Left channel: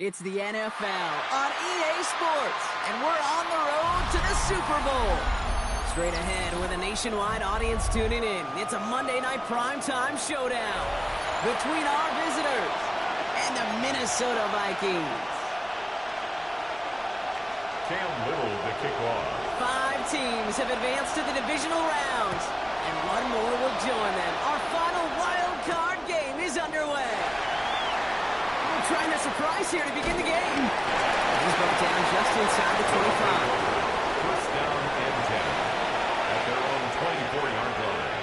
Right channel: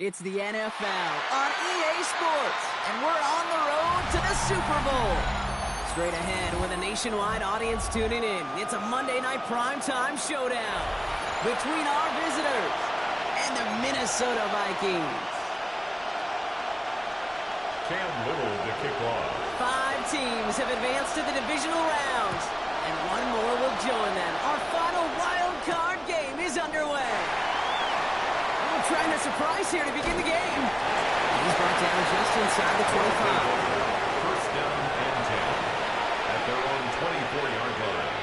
It's the NFL on EA Sports, and we're on the road to the Super Bowl. Straight ahead with a nationwide audience tuning in, it's a Monday night primetime showdown between our visitors and the Minnesota Vikings. Cam Little to kick off. 5 teams have advanced to the divisional rounds, and one more will join them. Our final wild card game is underway. We're trying to surprise here to begin the game. He's brought down just inside the 25. First down and 10 at their own 24-yard line.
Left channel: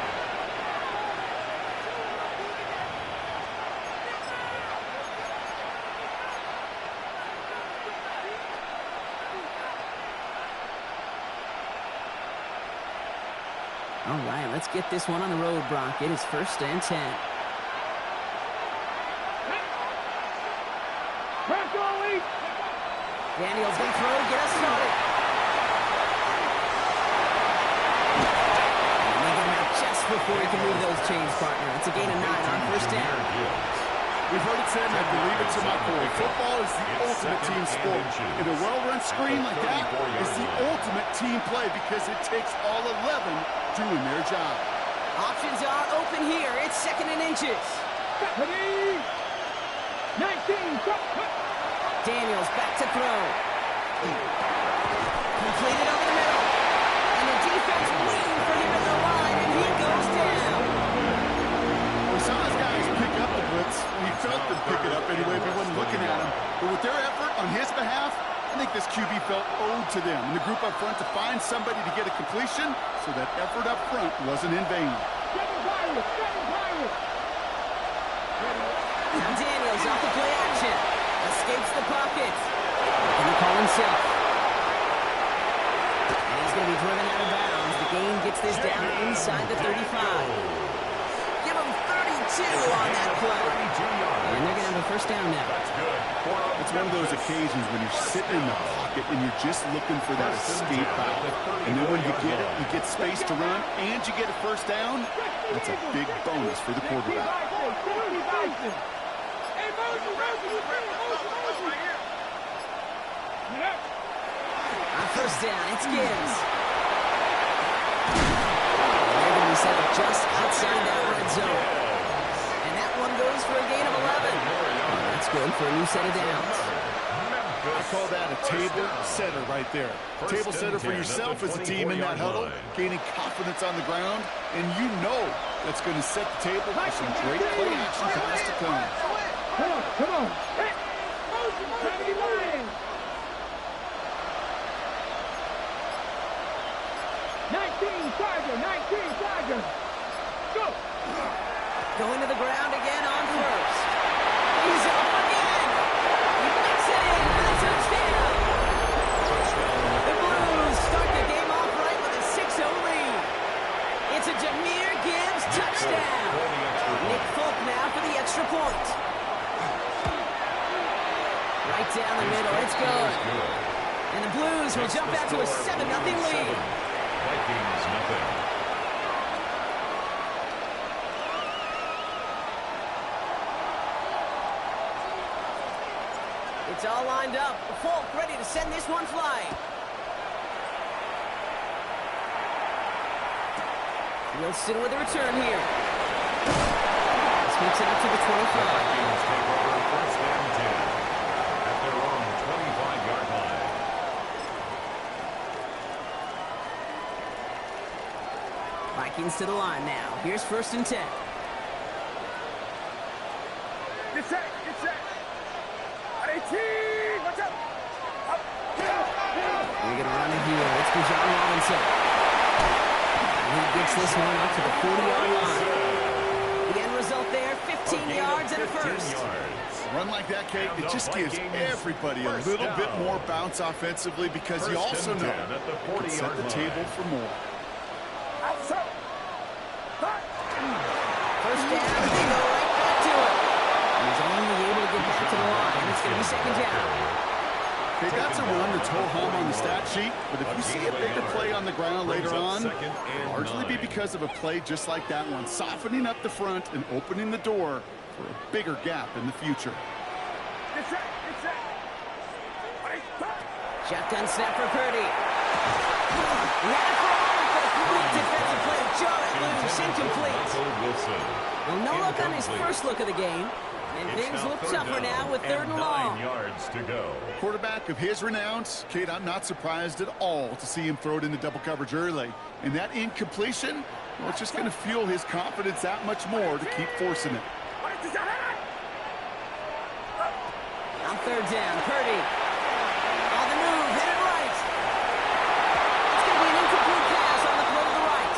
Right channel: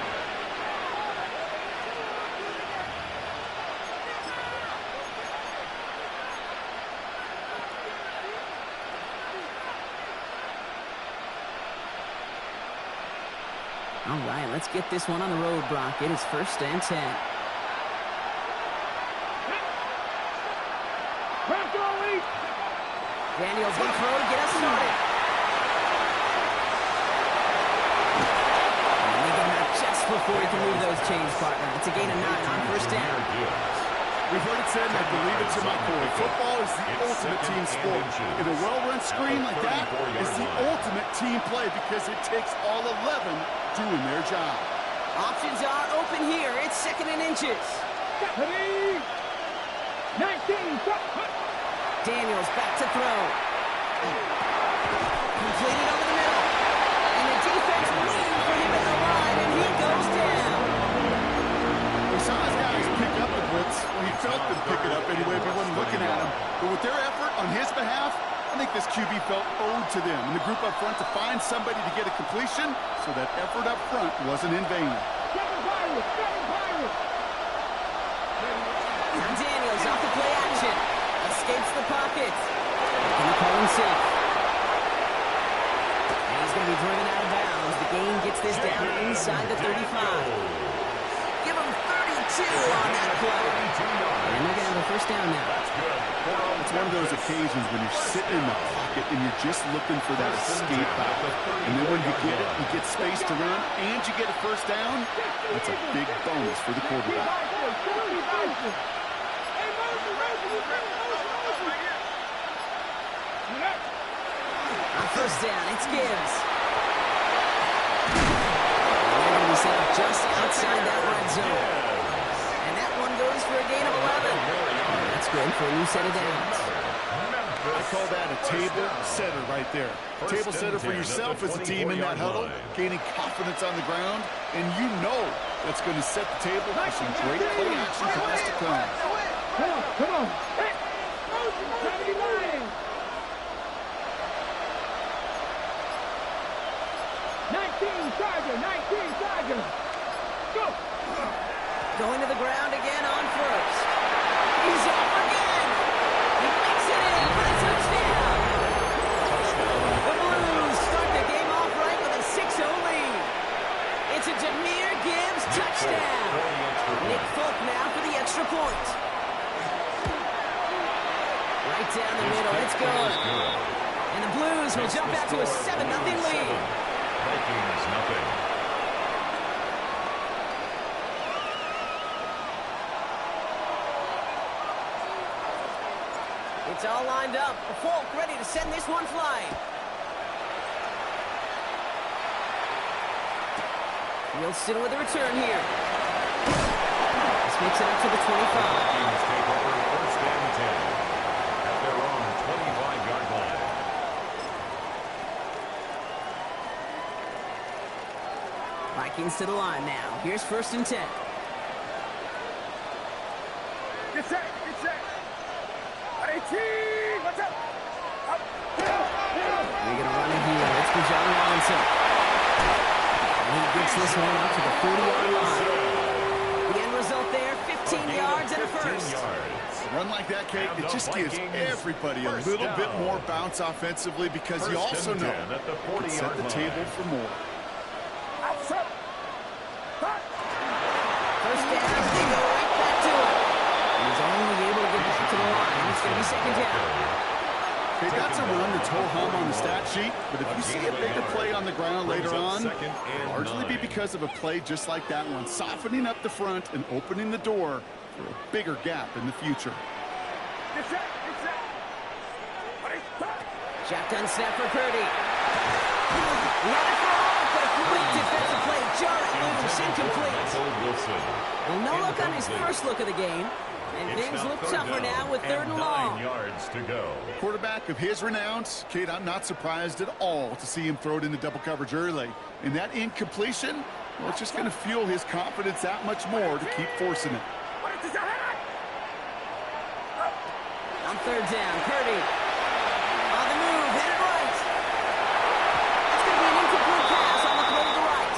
All right, let's get this one on the road, Brock. It is first and 10. Daniels going to throw to get us started. And they get him out just before he can move those chains, partner. It's a gain of 9 on first down. We've heard it said, and I believe it to my core. Football is the ultimate team sport. And a well-run screen like that is the ultimate team play because it takes all 11 doing their job. Options are open here. It's second and inches. 19. Daniels back to throw. Completed over the middle. And the defense waiting for him at the line, and he goes down. We saw his guys pick up the blitz. Well, he felt them pick it up anyway if he wasn't looking at him. But with their effort on his behalf, I think this QB felt owed to them and the group up front to find somebody to get a completion so that effort up front wasn't in vain. Now Daniels off the play action. Escapes the pocket. Going to call himself. And he's going to be driven out of bounds. The gain gets this down inside the 35. Give him 32 on that play. And they're going to have a first down now. That's good. It's one of those occasions when you're sitting in the pocket and you're just looking for that escape route. And then when you get it, you get space to run, and you get a first down. That's a big bonus for the quarterback. On first down, it's Gibbs. And they're going to be set up just outside that red zone. And that one goes for a gain of 11. That's good for a new set of downs. I call that a table setter right there. Table setter for yourself as a team in that huddle, gaining confidence on the ground, and you know that's going to set the table for some great play action calls to come. Come on. Hey, 19 Charger. Go. Going to the ground again on first. He's off again. He makes it in for the touchdown. The Blues start the game off right with a 6-0 lead. It's a Jahmyr Gibbs touchdown. Nick Folk now for the extra point. Right down the middle. It's good. And the Blues will jump out to a 7-0 lead. Vikings nothing. It's all lined up. Folk ready to send this one flying. Wilson with a return here. This makes it up to the 25. Vikings take over first and 10 at their own 25-yard line. Vikings to the line now. Here's first and 10. Get set. 18. Watch out. They're going to run it here. It's for John Robinson. And he gets this one up to the 40-yard line. The end result there, 15 yards and a first. A run like that, Kate, it just gives everybody a little bit more bounce offensively because you also know you can set the table for more. First down, and they go right back to it. And he's only able to get back to the line. It's going to be second down. Okay, that's a run that's ho-hum on the stat sheet, but if you see a bigger play on the ground later on, it'll largely be because of a play just like that one, softening up the front and opening the door for a bigger gap in the future. Get set. Shotgun snap for Purdy. He had it for a moment, but a complete defensive play to jar it loose. Incomplete. Michael Wilson. Well, no look on his Incomplete. first look of the game. And It's things now look third tougher down now with third and long. 9 yards to go. Quarterback of his renounce, Kate, I'm not surprised at all to see him throw it into double coverage early. And that incompletion, well, it's just going to fuel his confidence that much more to keep forcing it. On third down, Purdy. On the move, headed right. It's going to be an incomplete pass on the throw to the right.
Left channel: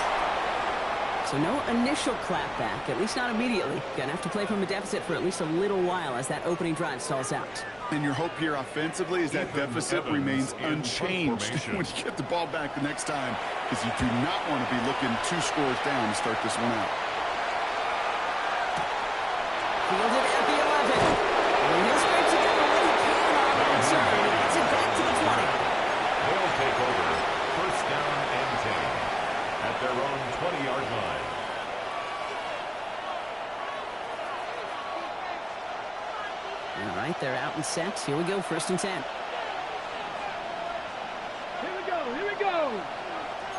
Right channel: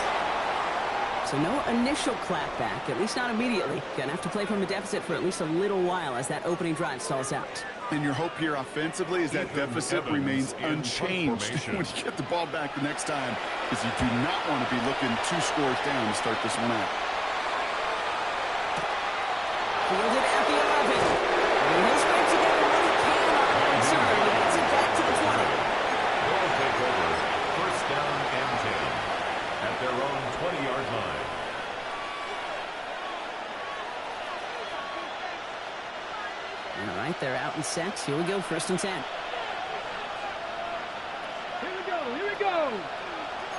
So no initial clap back, at least not immediately. Going to have to play from a deficit for at least a little while as that opening drive stalls out. And your hope here offensively is that Ethan deficit Evans remains in unchanged formation. when you get the ball back the next time, because you do not want to be looking 2 scores down to start this one out. Fielded at the 11. And he'll scrape together what he can on the return. He gets it back to the 20. They'll take over first down and 10 at their own 20-yard line. All right, they're out in sets. Here we go, first and 10. Here we go, here we go.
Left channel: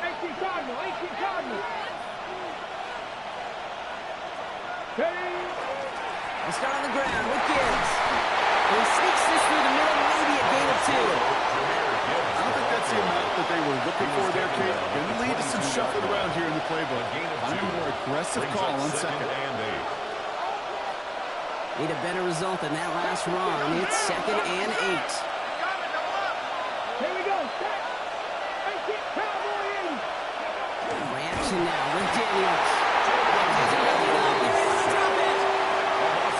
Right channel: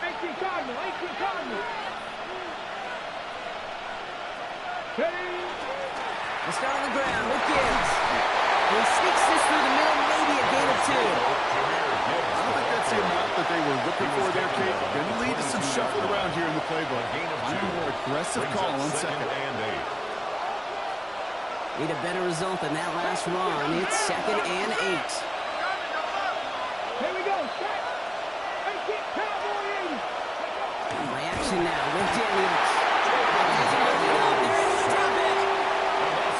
18 Cardinal, 18 Cardinal. Hey. They'll start on the ground with Gibbs. And he sneaks this through the middle, maybe a gain of 2. I don't think that's the amount that they were looking for there, Kate. Going to lead to some shuffling around here in the playbook. Find a more aggressive call on second. And 8. Need a better result than that last run. It's second and 8. Here we go. Set. 18 Cowboy 80. Play action now with Daniels. They're able to drop it.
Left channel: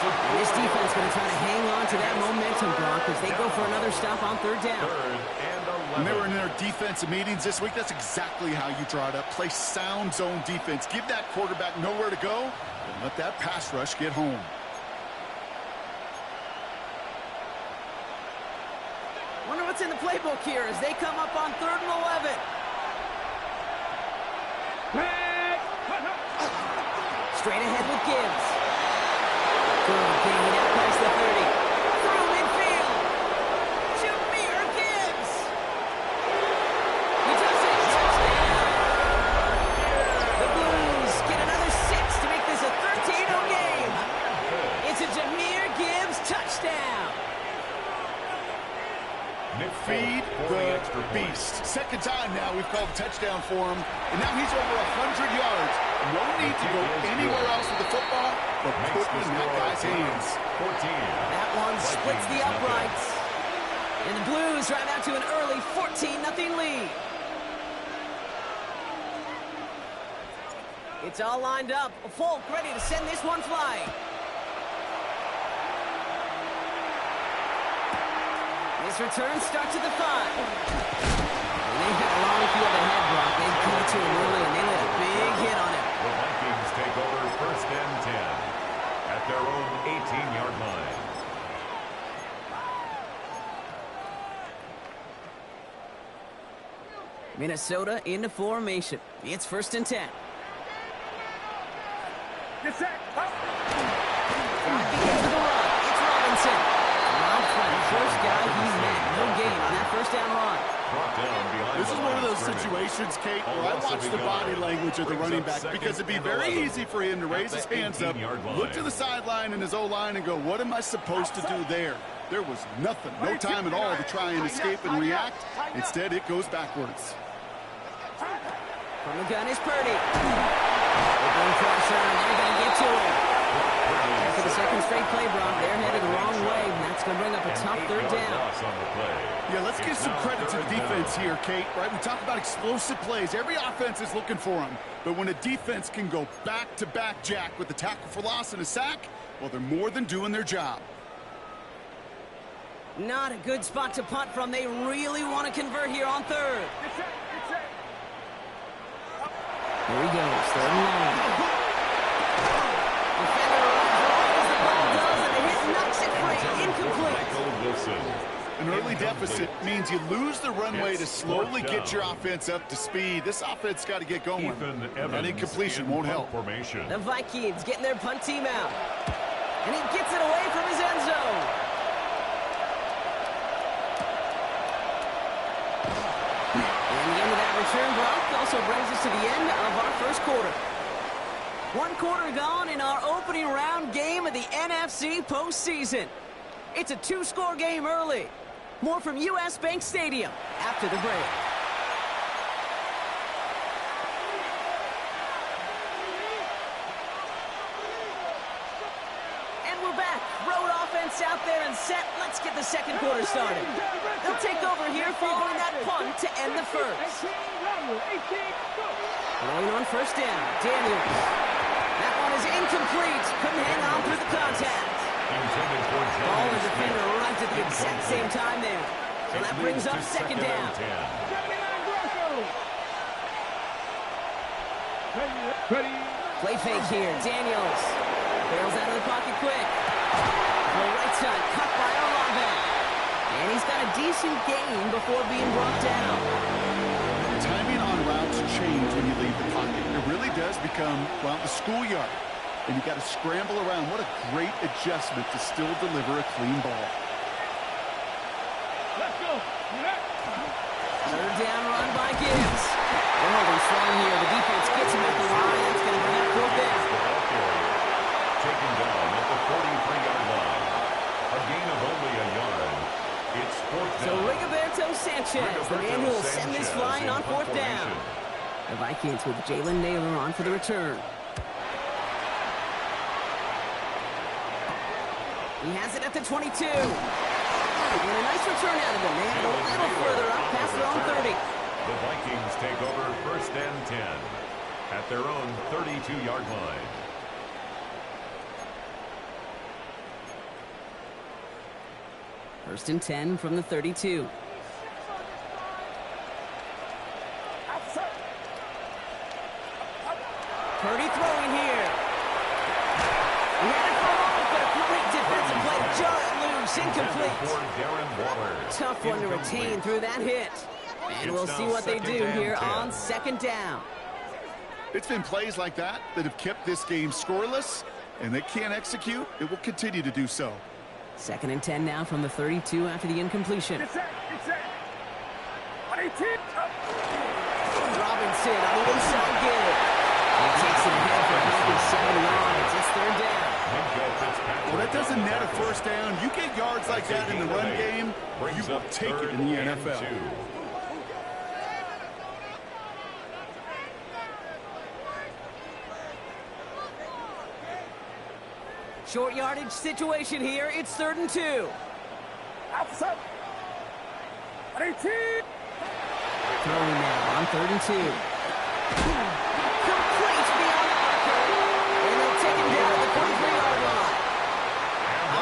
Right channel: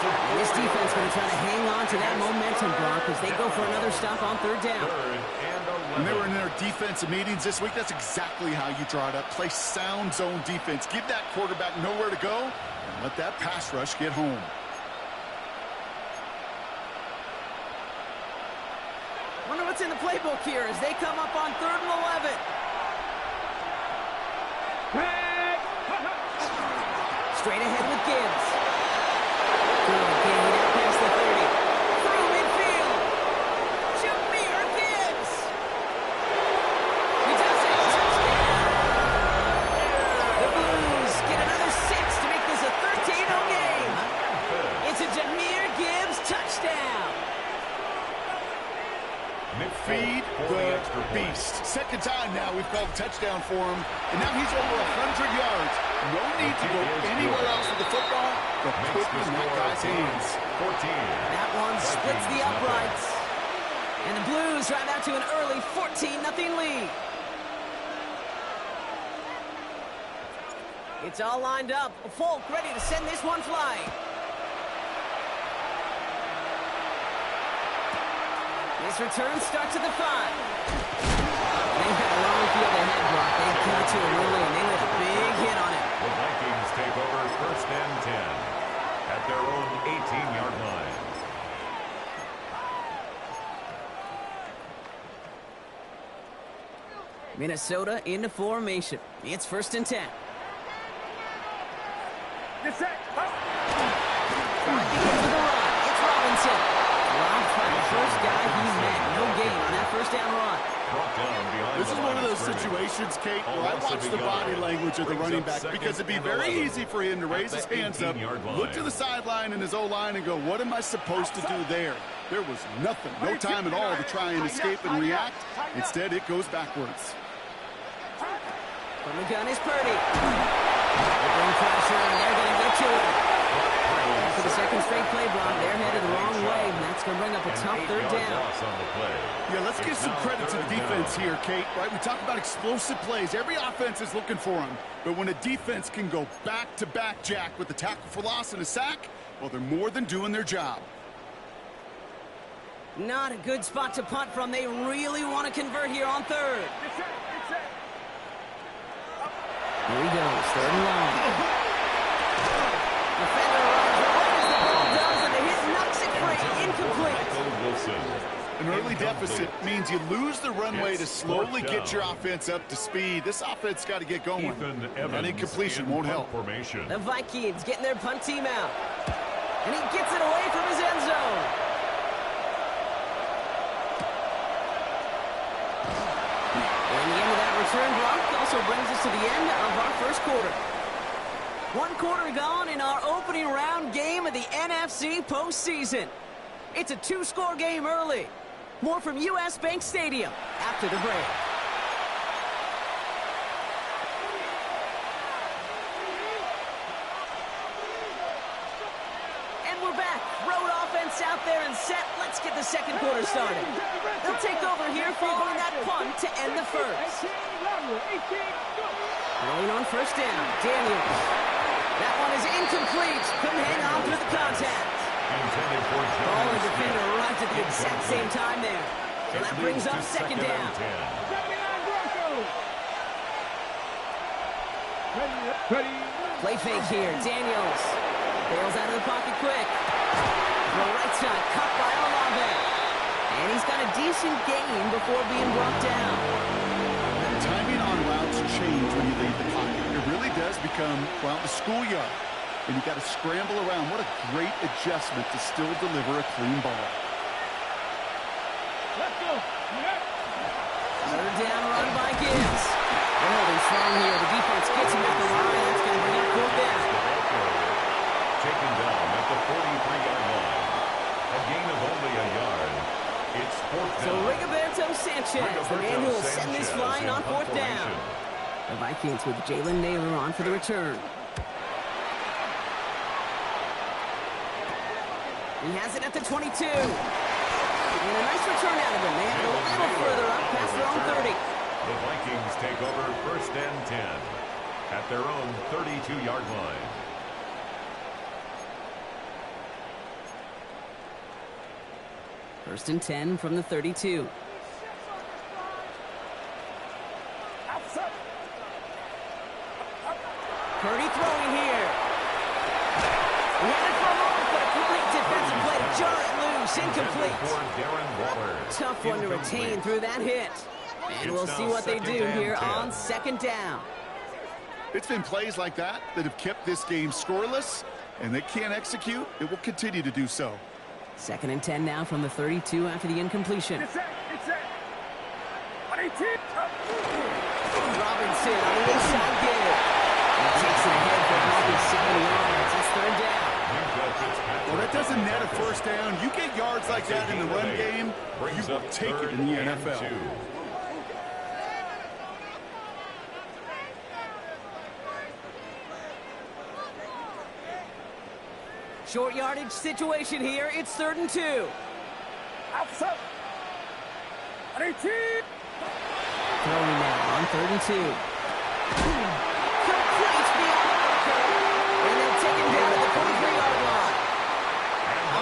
And this defense going to try to hang on to that momentum, Brock, as they go for another stop on third down. Third and 11. When they were in their defensive meetings this week, that's exactly how you draw it up. Play sound zone defense. Give that quarterback nowhere to go, and let that pass rush get home. Wonder what's in the playbook here as they come up on third and 11. Straight ahead with Gibbs. Good gain out past the 30. Through midfield. Jameer Gibbs. He does it. Touchdown. The Blues get another 6 to make this a 13-0 game. It's a Jameer Gibbs touchdown. Feed the beast. Second time now we've called a touchdown for him, and now he's over 100 yards. No need to go anywhere else with the football, but put it in that guy's hands. 14. That one splits the uprights. And the Blues drive out to an early 14-0 lead. It's all lined up. Folk ready to send this one flying. This return starts at the 5. And they've got a long field ahead, Brock. They got to him early, and they let a big hit on him. The Vikings take over first and 10 at their own 18-yard line. Minnesota into formation. It's first and 10. Get set. Drive begins with a run. It's Robinson. Rob Flat, first guy he met. No gain on that first down run. Brought down behind This is the one line of those scrimmage. situations, Kate, All where I loss of watch a the yard. body language of the Brings running up back, second because it'd be and very 11 easy for him to raise his at the hands up, 18-yard line. look to the sideline and his O-line and go, what am I supposed to do there? There was nothing, no time at all to try and escape and react. Instead, it goes backwards. From the gun is Purdy. They bring pressure, and they're going to get to him. After the second straight play, Brock, they're headed the wrong way, and that's going to bring up a tough third down. Yeah, let's give some credit to the defense here, Kate, right? We talk about explosive plays. Every offense is looking for them. But when a defense can go back-to-back, Jack, with a tackle for loss and a sack, well, they're more than doing their job. Not a good spot to punt from. They really want to convert here on third. Get set. Get set. Here he goes, third and long. Defender arrives right as the ball does, and the hit knocks it free. Incomplete. Michael Wilson. An early deficit means you lose the runway to slowly get your offense up to speed. This offense got to get going. Ethan Evans That incompletion in won't punt help. Formation. The Vikings getting their punt team out. And he gets it away from his end zone. And the end of that return, Brock, also brings us to the end of our first quarter. One quarter gone in our opening round game of the NFC postseason. It's a two-score game early. More from U.S. Bank Stadium after the break. And we're back. Road offense out there and set. Let's get the second quarter started. They'll take over here following that punt to end the first. Rolling on first down, Daniels. That one is incomplete. Couldn't hang on through the contact. Intended for Ball and defender arrived at the exact same time there. So that brings up second down. Play fake here. Daniels barrels out of the pocket quick. The right side cut by Olave. And he's got a decent gain before being brought down. Timing on routes change when you leave the pocket. It really does become, well, the schoolyard. And you got to scramble around. What a great adjustment to still deliver a clean ball. Let's go. Third down run by Gibbs. They're holding strong here. The defense gets him at the line. That's going to bring up fourth down. Taken down at the 43-yard line. A gain of only a yard. It's fourth down. So Rigoberto Sanchez, the man who will send this flying on fourth down. The Vikings with Jalen Naylor on for the return. He has it at the 22. And a nice return out of him. They had it a little further up past their own 30. The Vikings take over first and 10 at their own 32-yard line. First and 10 from the 32. Purdy throwing here. He had it for a moment, but a great defensive play to jar it loose. Incomplete. Tough one to retain through that hit. And we'll see what they do here on second down. It's been plays like that that have kept this game scoreless, and they can't execute. It will continue to do so. Second and 10 now from the 32 after the incompletion. Robinson on the inside give. He takes it ahead for a healthy 7 yards. It's third down. Well, that doesn't net a first down. You get yards like that in the run game, you will take it in the NFL. Short yardage situation here. It's third and 2. Throwing now on third and 2. Complete beyond the marker. And they'll take him down at the 43-yard line.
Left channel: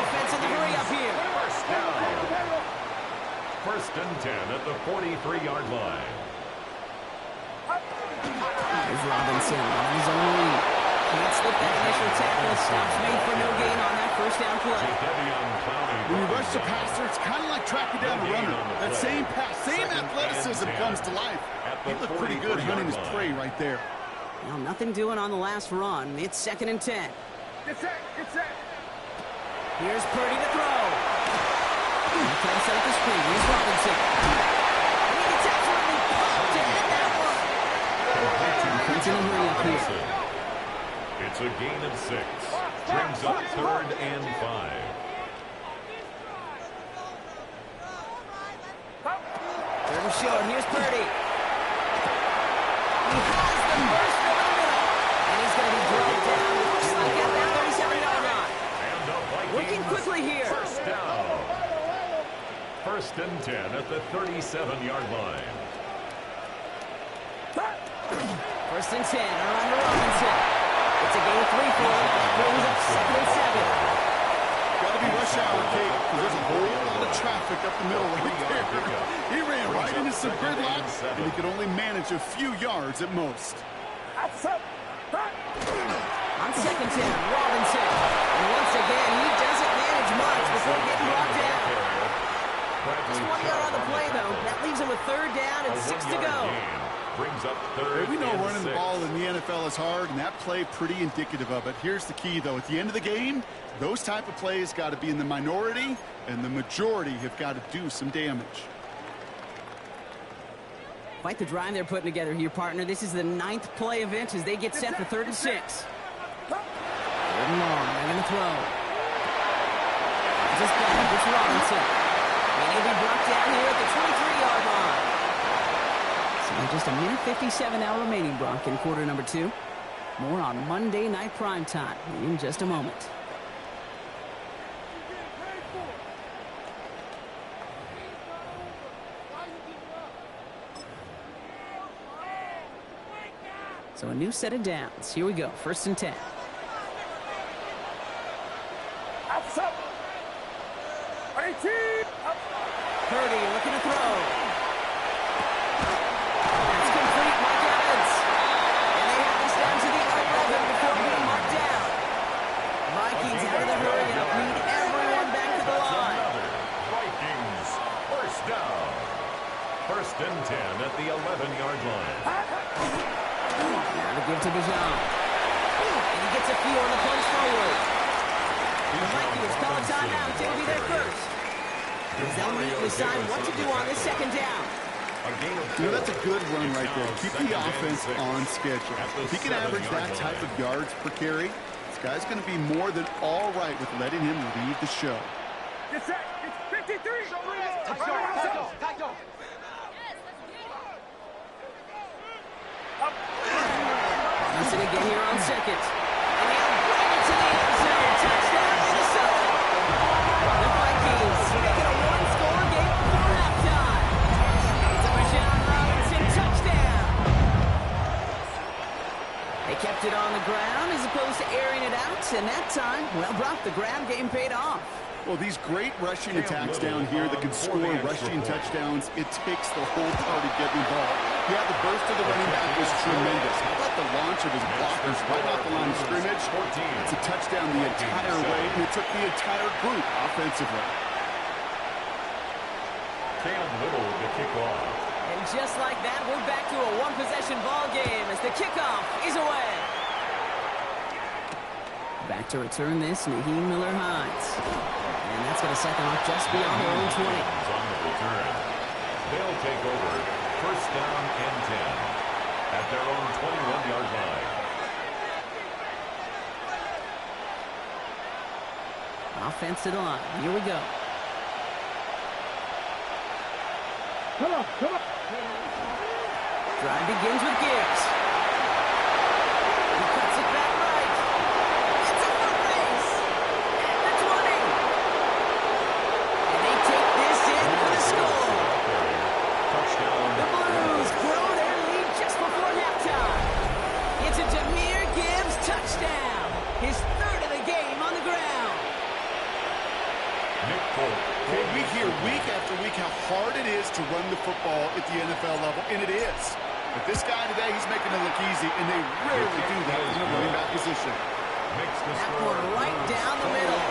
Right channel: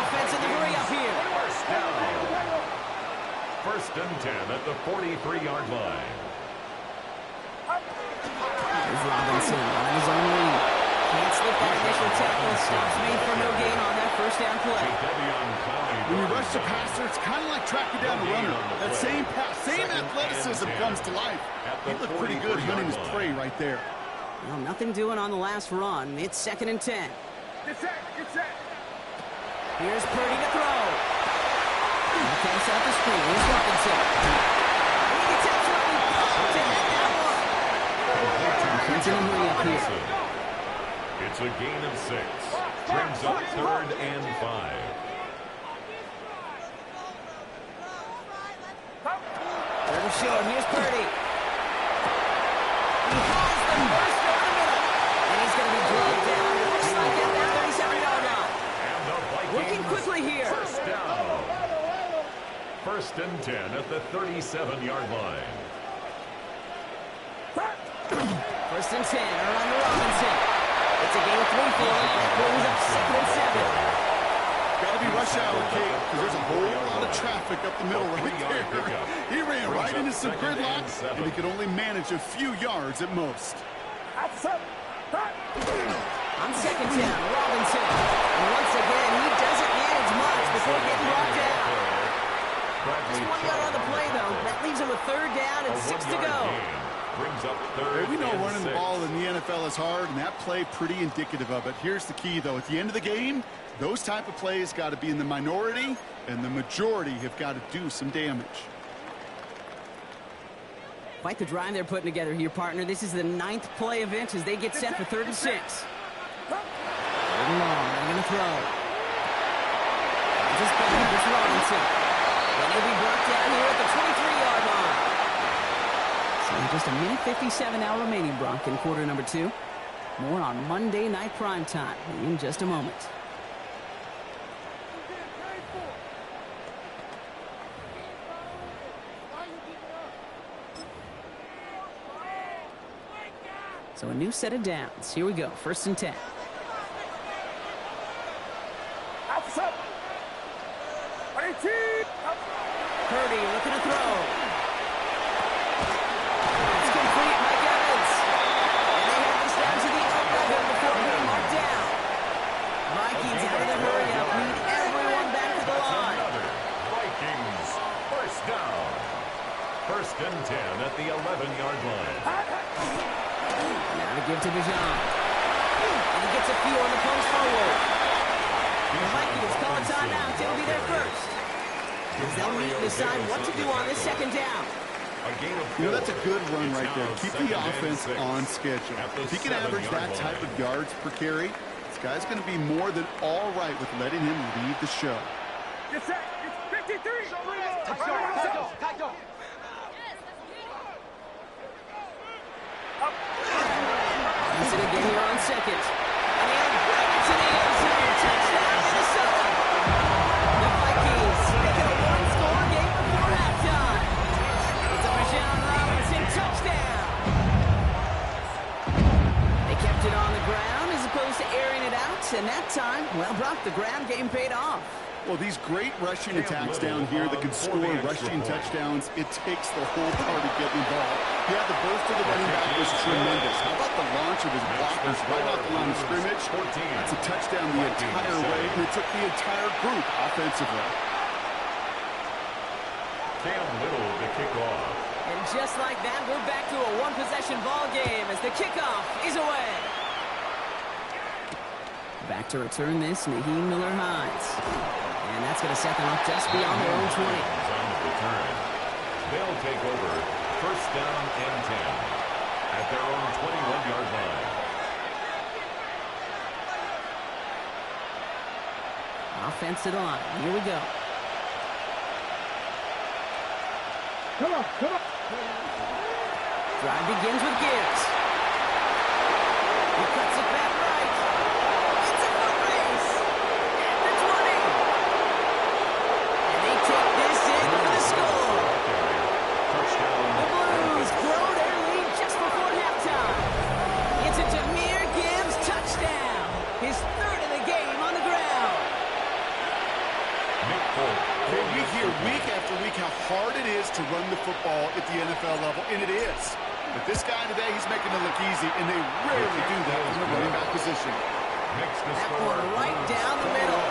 Offense in the hurry up here. First down. First and 10 at the 43-yard line. Here's Robinson on his own lead. Can't slip that initial tackle. Stops made for no gain on that first down play. When you rush the passer, it's kind of like tracking down a runner. That same pass, same athleticism comes to life. He looked pretty good hunting his prey right there. Well, nothing doing on the last run. It's second and 10. Get set. Here's Purdy to throw. He tries to set up the screen. Here's Robinson. And he gets absolutely pumped to end that one. Defense in a hurry up here. It's a gain of 6. Brings up third and 5. Third and short. Here's Purdy. He has the burst over the middle. And he's going to be dragged down. It looks like at that 37-yard line. And the Vikings Looking quickly here. First down. First and 10 at the 37-yard line. First and 10. Around to Robinson. It's a gain of 3 for him. That brings up second and 7. Got to be rush hour, Kate, because there's a whole lot of traffic up the middle right there. He ran right into some gridlock, and he could only manage a few yards at most. On second down, Robinson. And once again, he doesn't manage much before getting brought down. Just 1 yard on the play, though. That leaves him with third down and 6 to go. Brings up third. Hey, we know running the 6. ball in the NFL is hard, and that play pretty indicative of it. Here's the key, though. At the end of the game, those type of plays got to be in the minority, and the majority have got to do some damage. Quite the drive they're putting together here, partner. This is the 9th play of inch as they get set for 3rd and 6. 3rd and long. They're going to throw. Just back. It's Robinson. And he'll be brought down here at the 23-yard line. So just a minute 57 now remaining, Brock, in quarter number 2. More on Monday Night Primetime in just a moment. So a new set of downs. Here we go. 1st and 10. Purdy looking to throw. It's complete, Mike Evans. And they have this down to the 11 before being marked down. Vikings out of the hurry up. Need everyone back to the line. Vikings, 1st down. 1st and 10 at the 11-yard line. Now to give to Bijan. And he gets a few on the punch forward. The Vikings call a timeout. They'll be there first. As they'll meet and decide what to do on this 2nd down. You know, that's a good run right there. Keep the offense on schedule. If he can average that type of yards per carry, this guy's going to be more than all right with letting him lead the show. It's 53. Use it again here on 2nd. And he'll bring it to the end zone. Touchdown, Minnesota. The Vikings make it a 1-score game before halftime. It's a Bijan Robinson touchdown. They kept it on the ground as opposed to airing it out. And that time, well, Brock, the ground game paid off. Well, these great rushing attacks down here that can score rushing touchdowns, it takes the whole party getting involved. Yeah, the burst of the running back was tremendous. How about the launch of his blockers right off the line of scrimmage? That's a touchdown the entire way, and it took the entire group offensively. Cam Little to kick off. And just like that, we're back to a one-possession ball game as the kickoff is away. Back to return this, Naheem Miller-Hines. And that's going to set them up just beyond their own 20. On the return. They'll take over 1st down and 10 at their own 21-yard line. Offense to the line. Here we go. Come on. Drive begins with Gibbs. He cuts it back right. It's a foot race at the 20. And they take this in for the score. The Blues grow their lead just before halftime. It's a Jahmyr Gibbs touchdown. His 3rd of the game on the ground. Nick Folk. Okay, we hear week after week how hard it is to run the football at the NFL level, and it is. But this guy today, he's making it look easy, and they rarely do that from the running back position. That one right down the middle.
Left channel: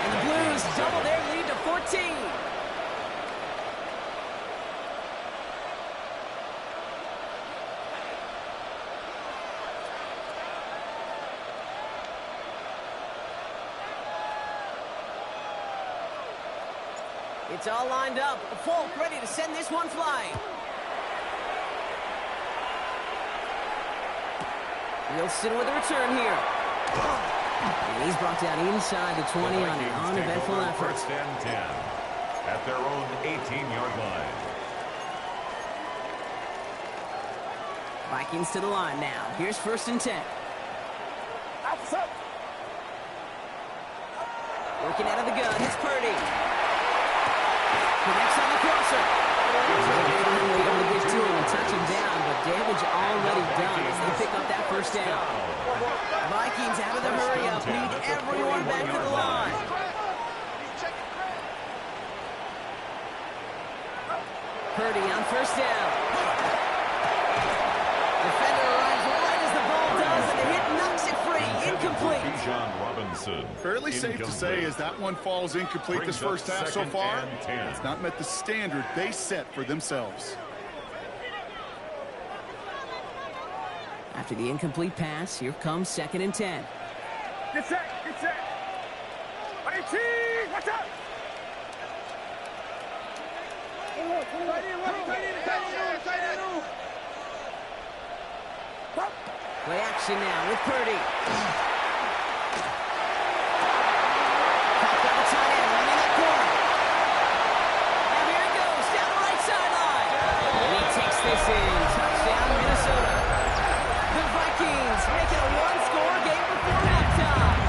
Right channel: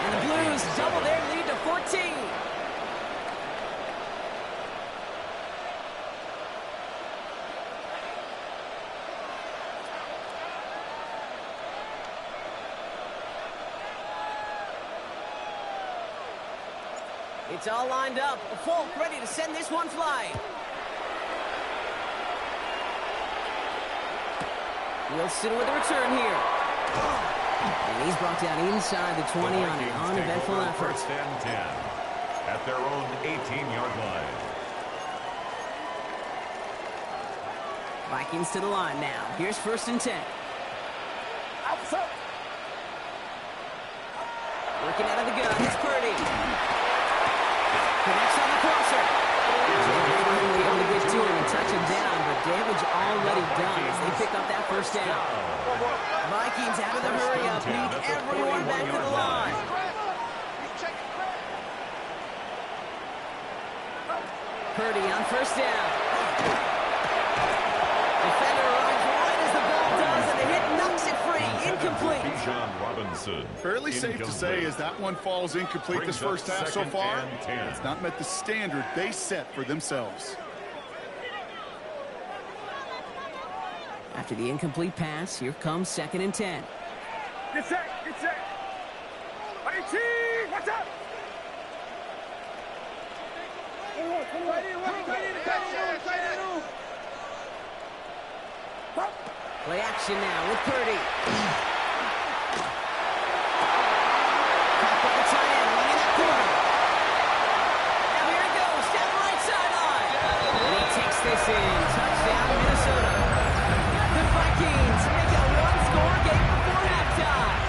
And the Blues double their lead to 14. It's all lined up. Folk ready to send this one flying. Wilson with a return here. And he's brought down inside the 20 on an uneventful effort. 1st and 10 at their own 18-yard line. Vikings to the line now. Here's 1st and 10. Working out of the gun. It's Purdy. Connects on the crosser. Finally able to get to him and touch him down, but damage already done as they pick up that 1st down. Vikings out of the hurry up. Need everyone back to the line. Purdy on 1st down. Defender arrives right as the ball does, and the hit knocks it free. Incomplete. Bijan Robinson. Fairly safe to say as that one falls incomplete this first half so far. It's not met the standard they set for themselves. After the incomplete pass, here comes 2nd and 10. Get set. 18. What's up? Tight end. Play action now with Purdy. Caught by the tight end, running that corner. Now here it goes, down the right sideline. And he takes this in. Touchdown, Minnesota. The Vikings make it a one-score game before halftime.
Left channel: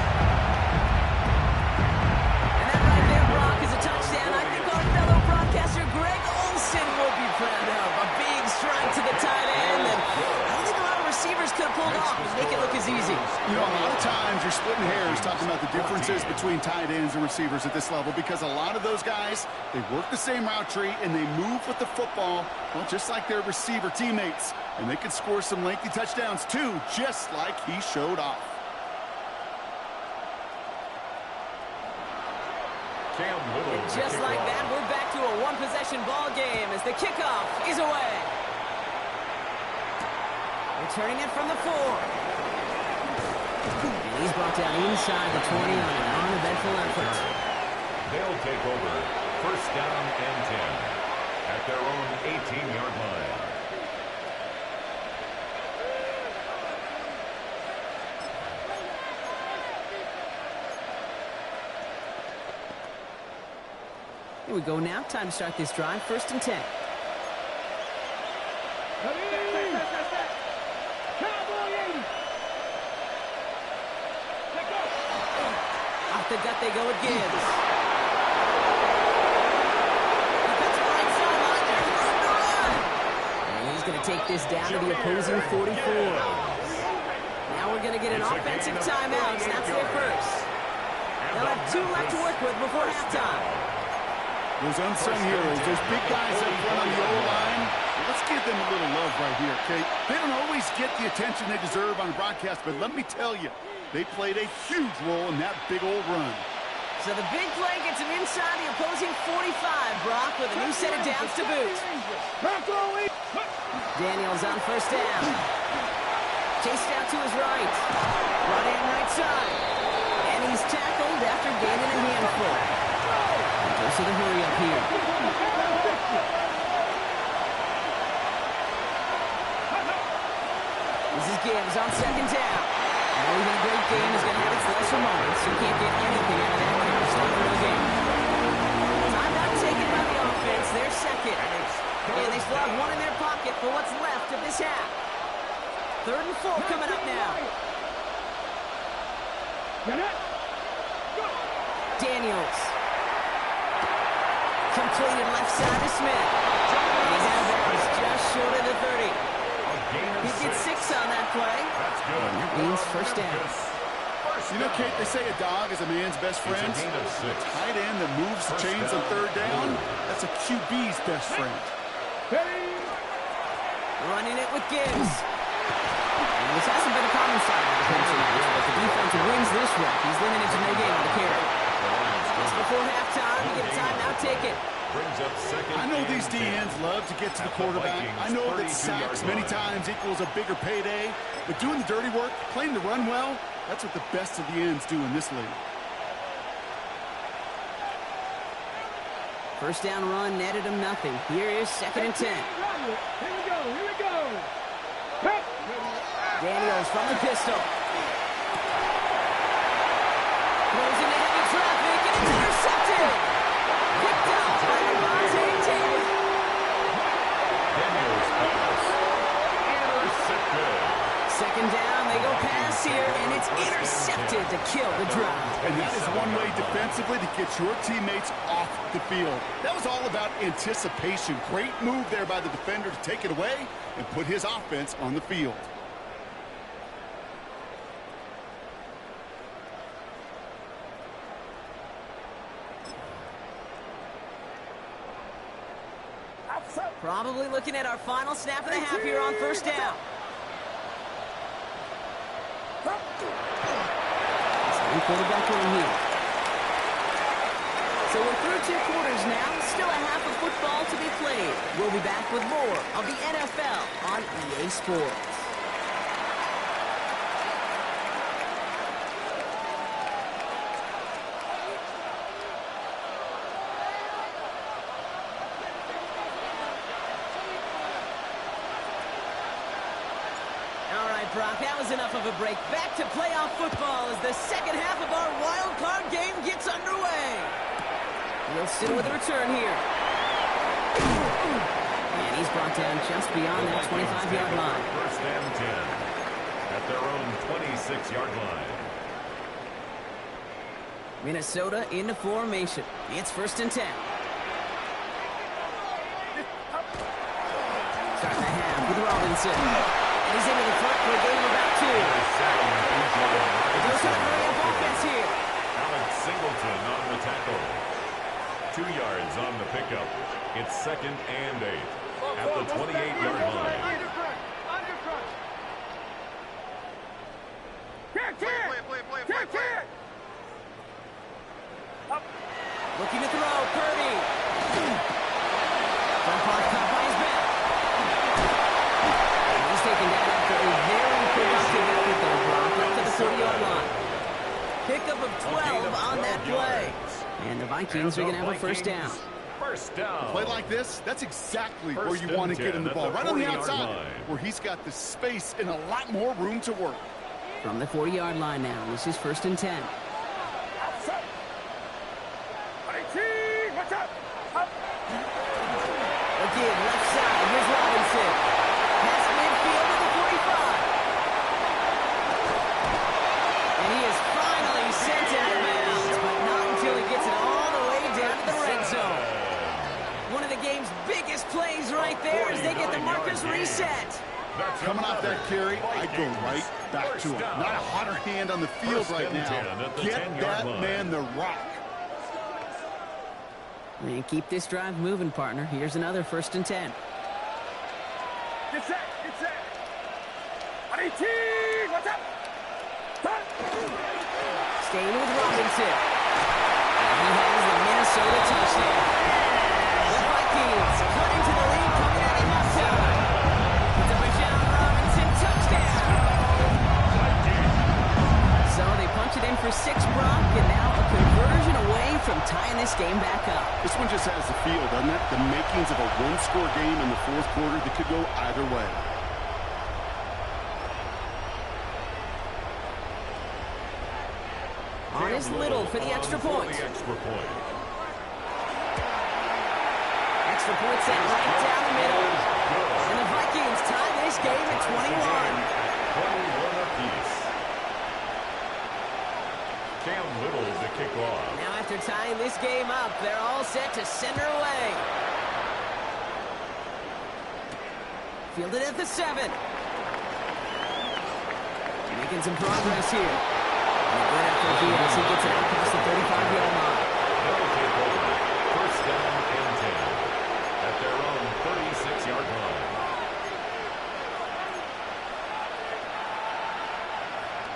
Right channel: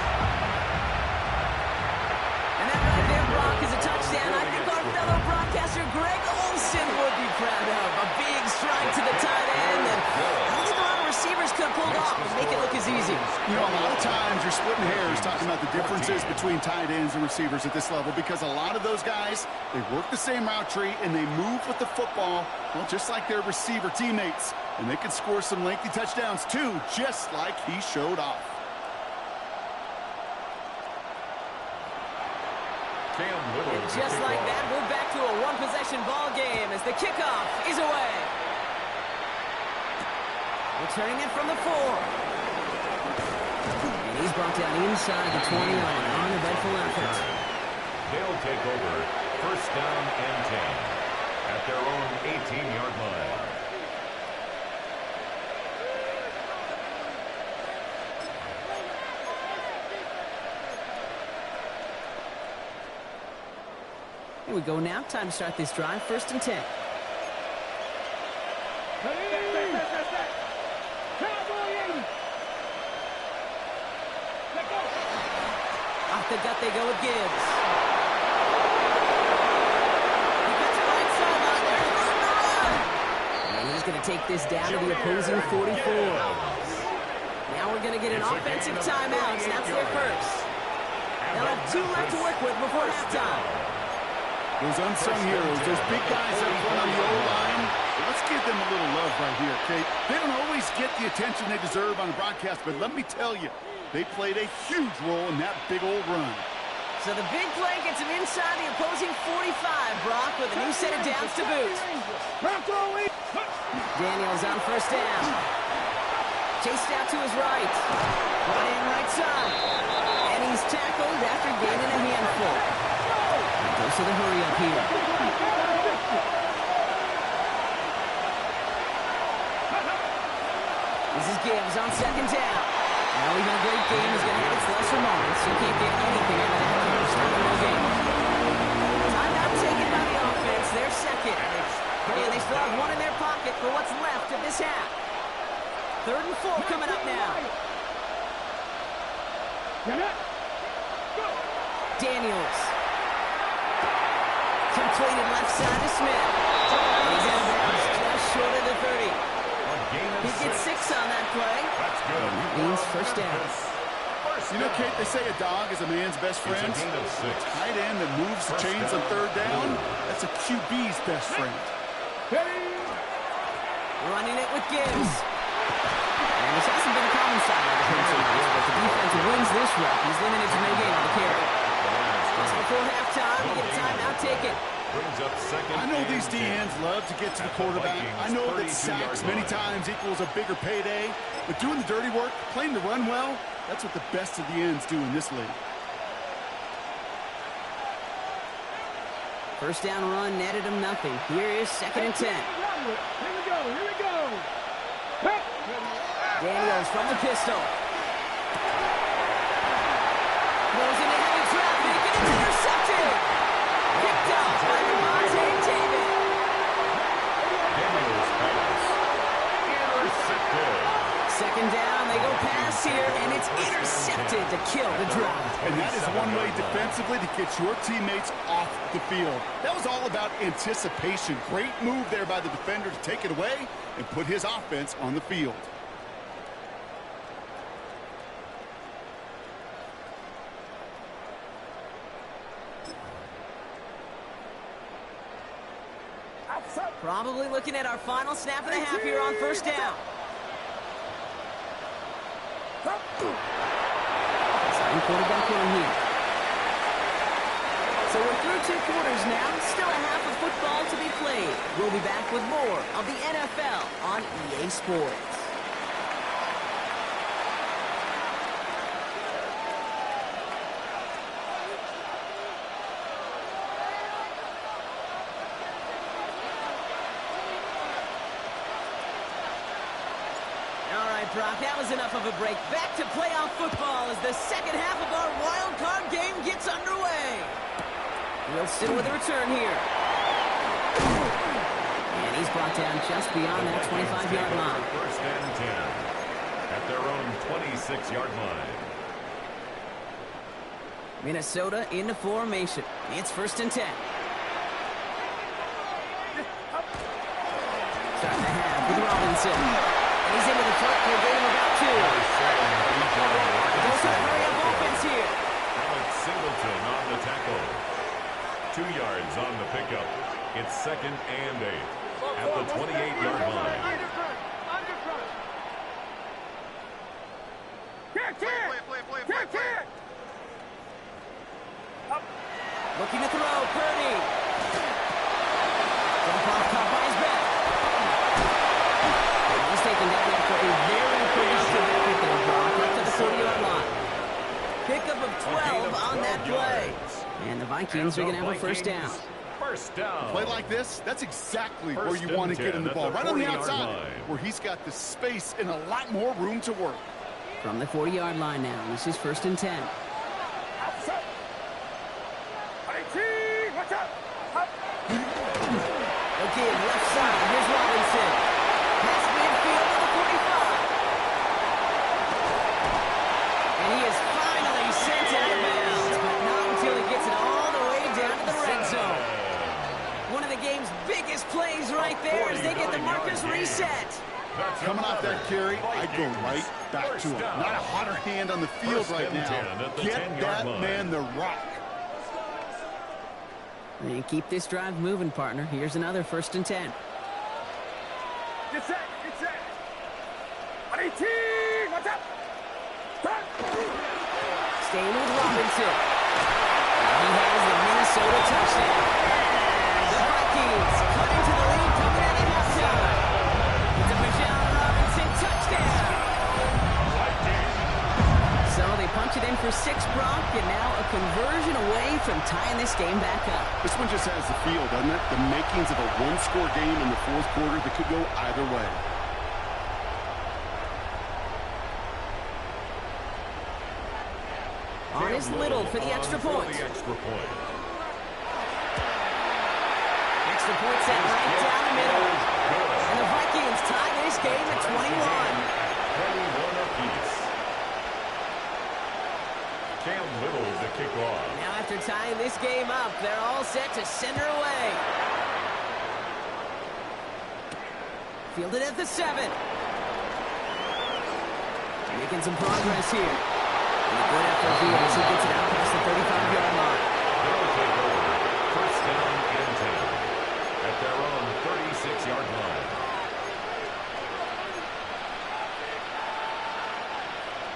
And that right there, Brock, is a touchdown I think our fellow broadcaster Greg Olsen would be proud of. A big strike to the tight end, and I don't think a lot of receivers could have pulled off and make it look as easy. You know, a lot of times you're splitting hairs talking about the differences between tight ends and receivers at this level because a lot of those guys, they work the same route tree and they move with the football, well, just like their receiver teammates. And they can score some lengthy touchdowns too, just like he showed off. And just like that, we're back to a one-possession ball game as the kickoff is away. Returning it from the 4. And he's brought down inside the 20 on an uneventful effort. They'll take over first down and 10 at their own 18-yard line. Here we go now. Time to start this drive. First and 10. Off the gut they go with Gibbs. He cuts it right sideline. There's room to run. And he's going to take this down to the opposing 44. Now we're going to get an offensive timeout. Snaps their first. They'll have 2 left to work with before halftime. Those unsung heroes, those big guys up front on the O-line, well, let's give them a little love right here, okay? They don't always get the attention they deserve on the broadcast, but let me tell you, they played a huge role in that big old run. So the big play gets him inside the opposing 45, Brock, with a new set of downs to boot. Daniels on first down. Chased out to his right. Brought in right side. And he's tackled after gaining a handful. And goes to the hurry up here. This is Gibbs on second down. Now even a great game is going to have its lesser moments. You can't get anything out of that carry. Stop the no game. Timeout taken by the offense. They're second. And they still have 1 in their pocket for what's left of this half. 3rd and 4 coming up now. Daniels. Completed left side to Smith. And he's out of bounds just short of the 30. He gets 6 on that play. That's good. Means first down. You know, Kate, they say a dog is a man's best friend. It's a gain of 6. Tight end that moves the chains on 3rd down, that's a QB's best friend. Running it with Gibbs. And this hasn't been a common sight on defensive match, but the defense wins this rep. He's limited to no gain on the carry. Just before halftime, we get a timeout taken. Brings up second. I know these DNs love to get to the quarterback. I know that sacks many times equals a bigger payday, but doing the dirty work, playing the run well, that's what the best of the ends do in this league. First down run netted him nothing. Here is 2nd and 10. Here we go. Here we go. Daniels from the pistol. Throws into heavy traffic, and it's intercepted. Picked off by Devontae Davis. Daniels pass. Intercepted. 2nd down, they go pass here, and it's intercepted to kill the drive. And that is one way defensively to get your teammates off the field. That was all about anticipation. Great move there by the defender to take it away and put his offense on the field. Probably looking at our final snap of the half here on first down. Starting quarterback run here. So we're through 2 quarters now. Still a half of football to be played. We'll be back with more of the NFL on EA Sports. All right, Brock, that was enough of a break. Back to playoff football as the second half of our wild card game gets underway. Wilson with a return here. And he's brought down just beyond that 25-yard line. First and 10 at their own 26-yard line. Minnesota into formation. It's first and 10. Starting the half with Robinson. And he's into the front for a gain of about 2. They're trying to hurry up offense here. Alex Singleton on the tackle. 2 yards on the pickup. It's second and 8 at the 28-yard line. Looking to throw, Purdy. Jump off, caught by his back. And he's taken down after a very productive effort there, Brock, up to the 40-yard line. Pickup of 12 on that play. And the Vikings are going to have a first down. First down. A play like this, that's exactly where you want to get him the ball. Right on the outside, where he's got the space and a lot more room to work. From the 40-yard line now, this is first and 10. Again, left side, here's Robinson. Past midfield to the 45. And he is finally sent out of bounds, but not until he gets it all the way down to the red zone. One of the game's biggest plays right there as they get the markers reset. Coming off that carry, I go right back to him. Not a hotter hand on the field right now. Get that man the rock. And keep this drive moving, partner. Here's another first and 10. Get set, get set. What's up? Staying with Robinson. And he has the Minnesota touchdown. The Vikings cut into the lead coming out of halftime. It's a Bijan Robinson touchdown. So they punch it in for 6, Brock, and now a conversion away from tying this game back up. This one just has the feel, doesn't it? The makings of a one-score game in the fourth quarter that could go either way. On is Little for the extra point. Extra point set right down the middle. And the Vikings tie this game at 21. 21 apiece. Cam Little to kick off. Now after tying this game up, they're all set to send her away. Fielded at the 7. Making some progress here. And a good effort here as he gets it out past the 35-yard line. They'll take over first down and 10 at their own 36-yard line.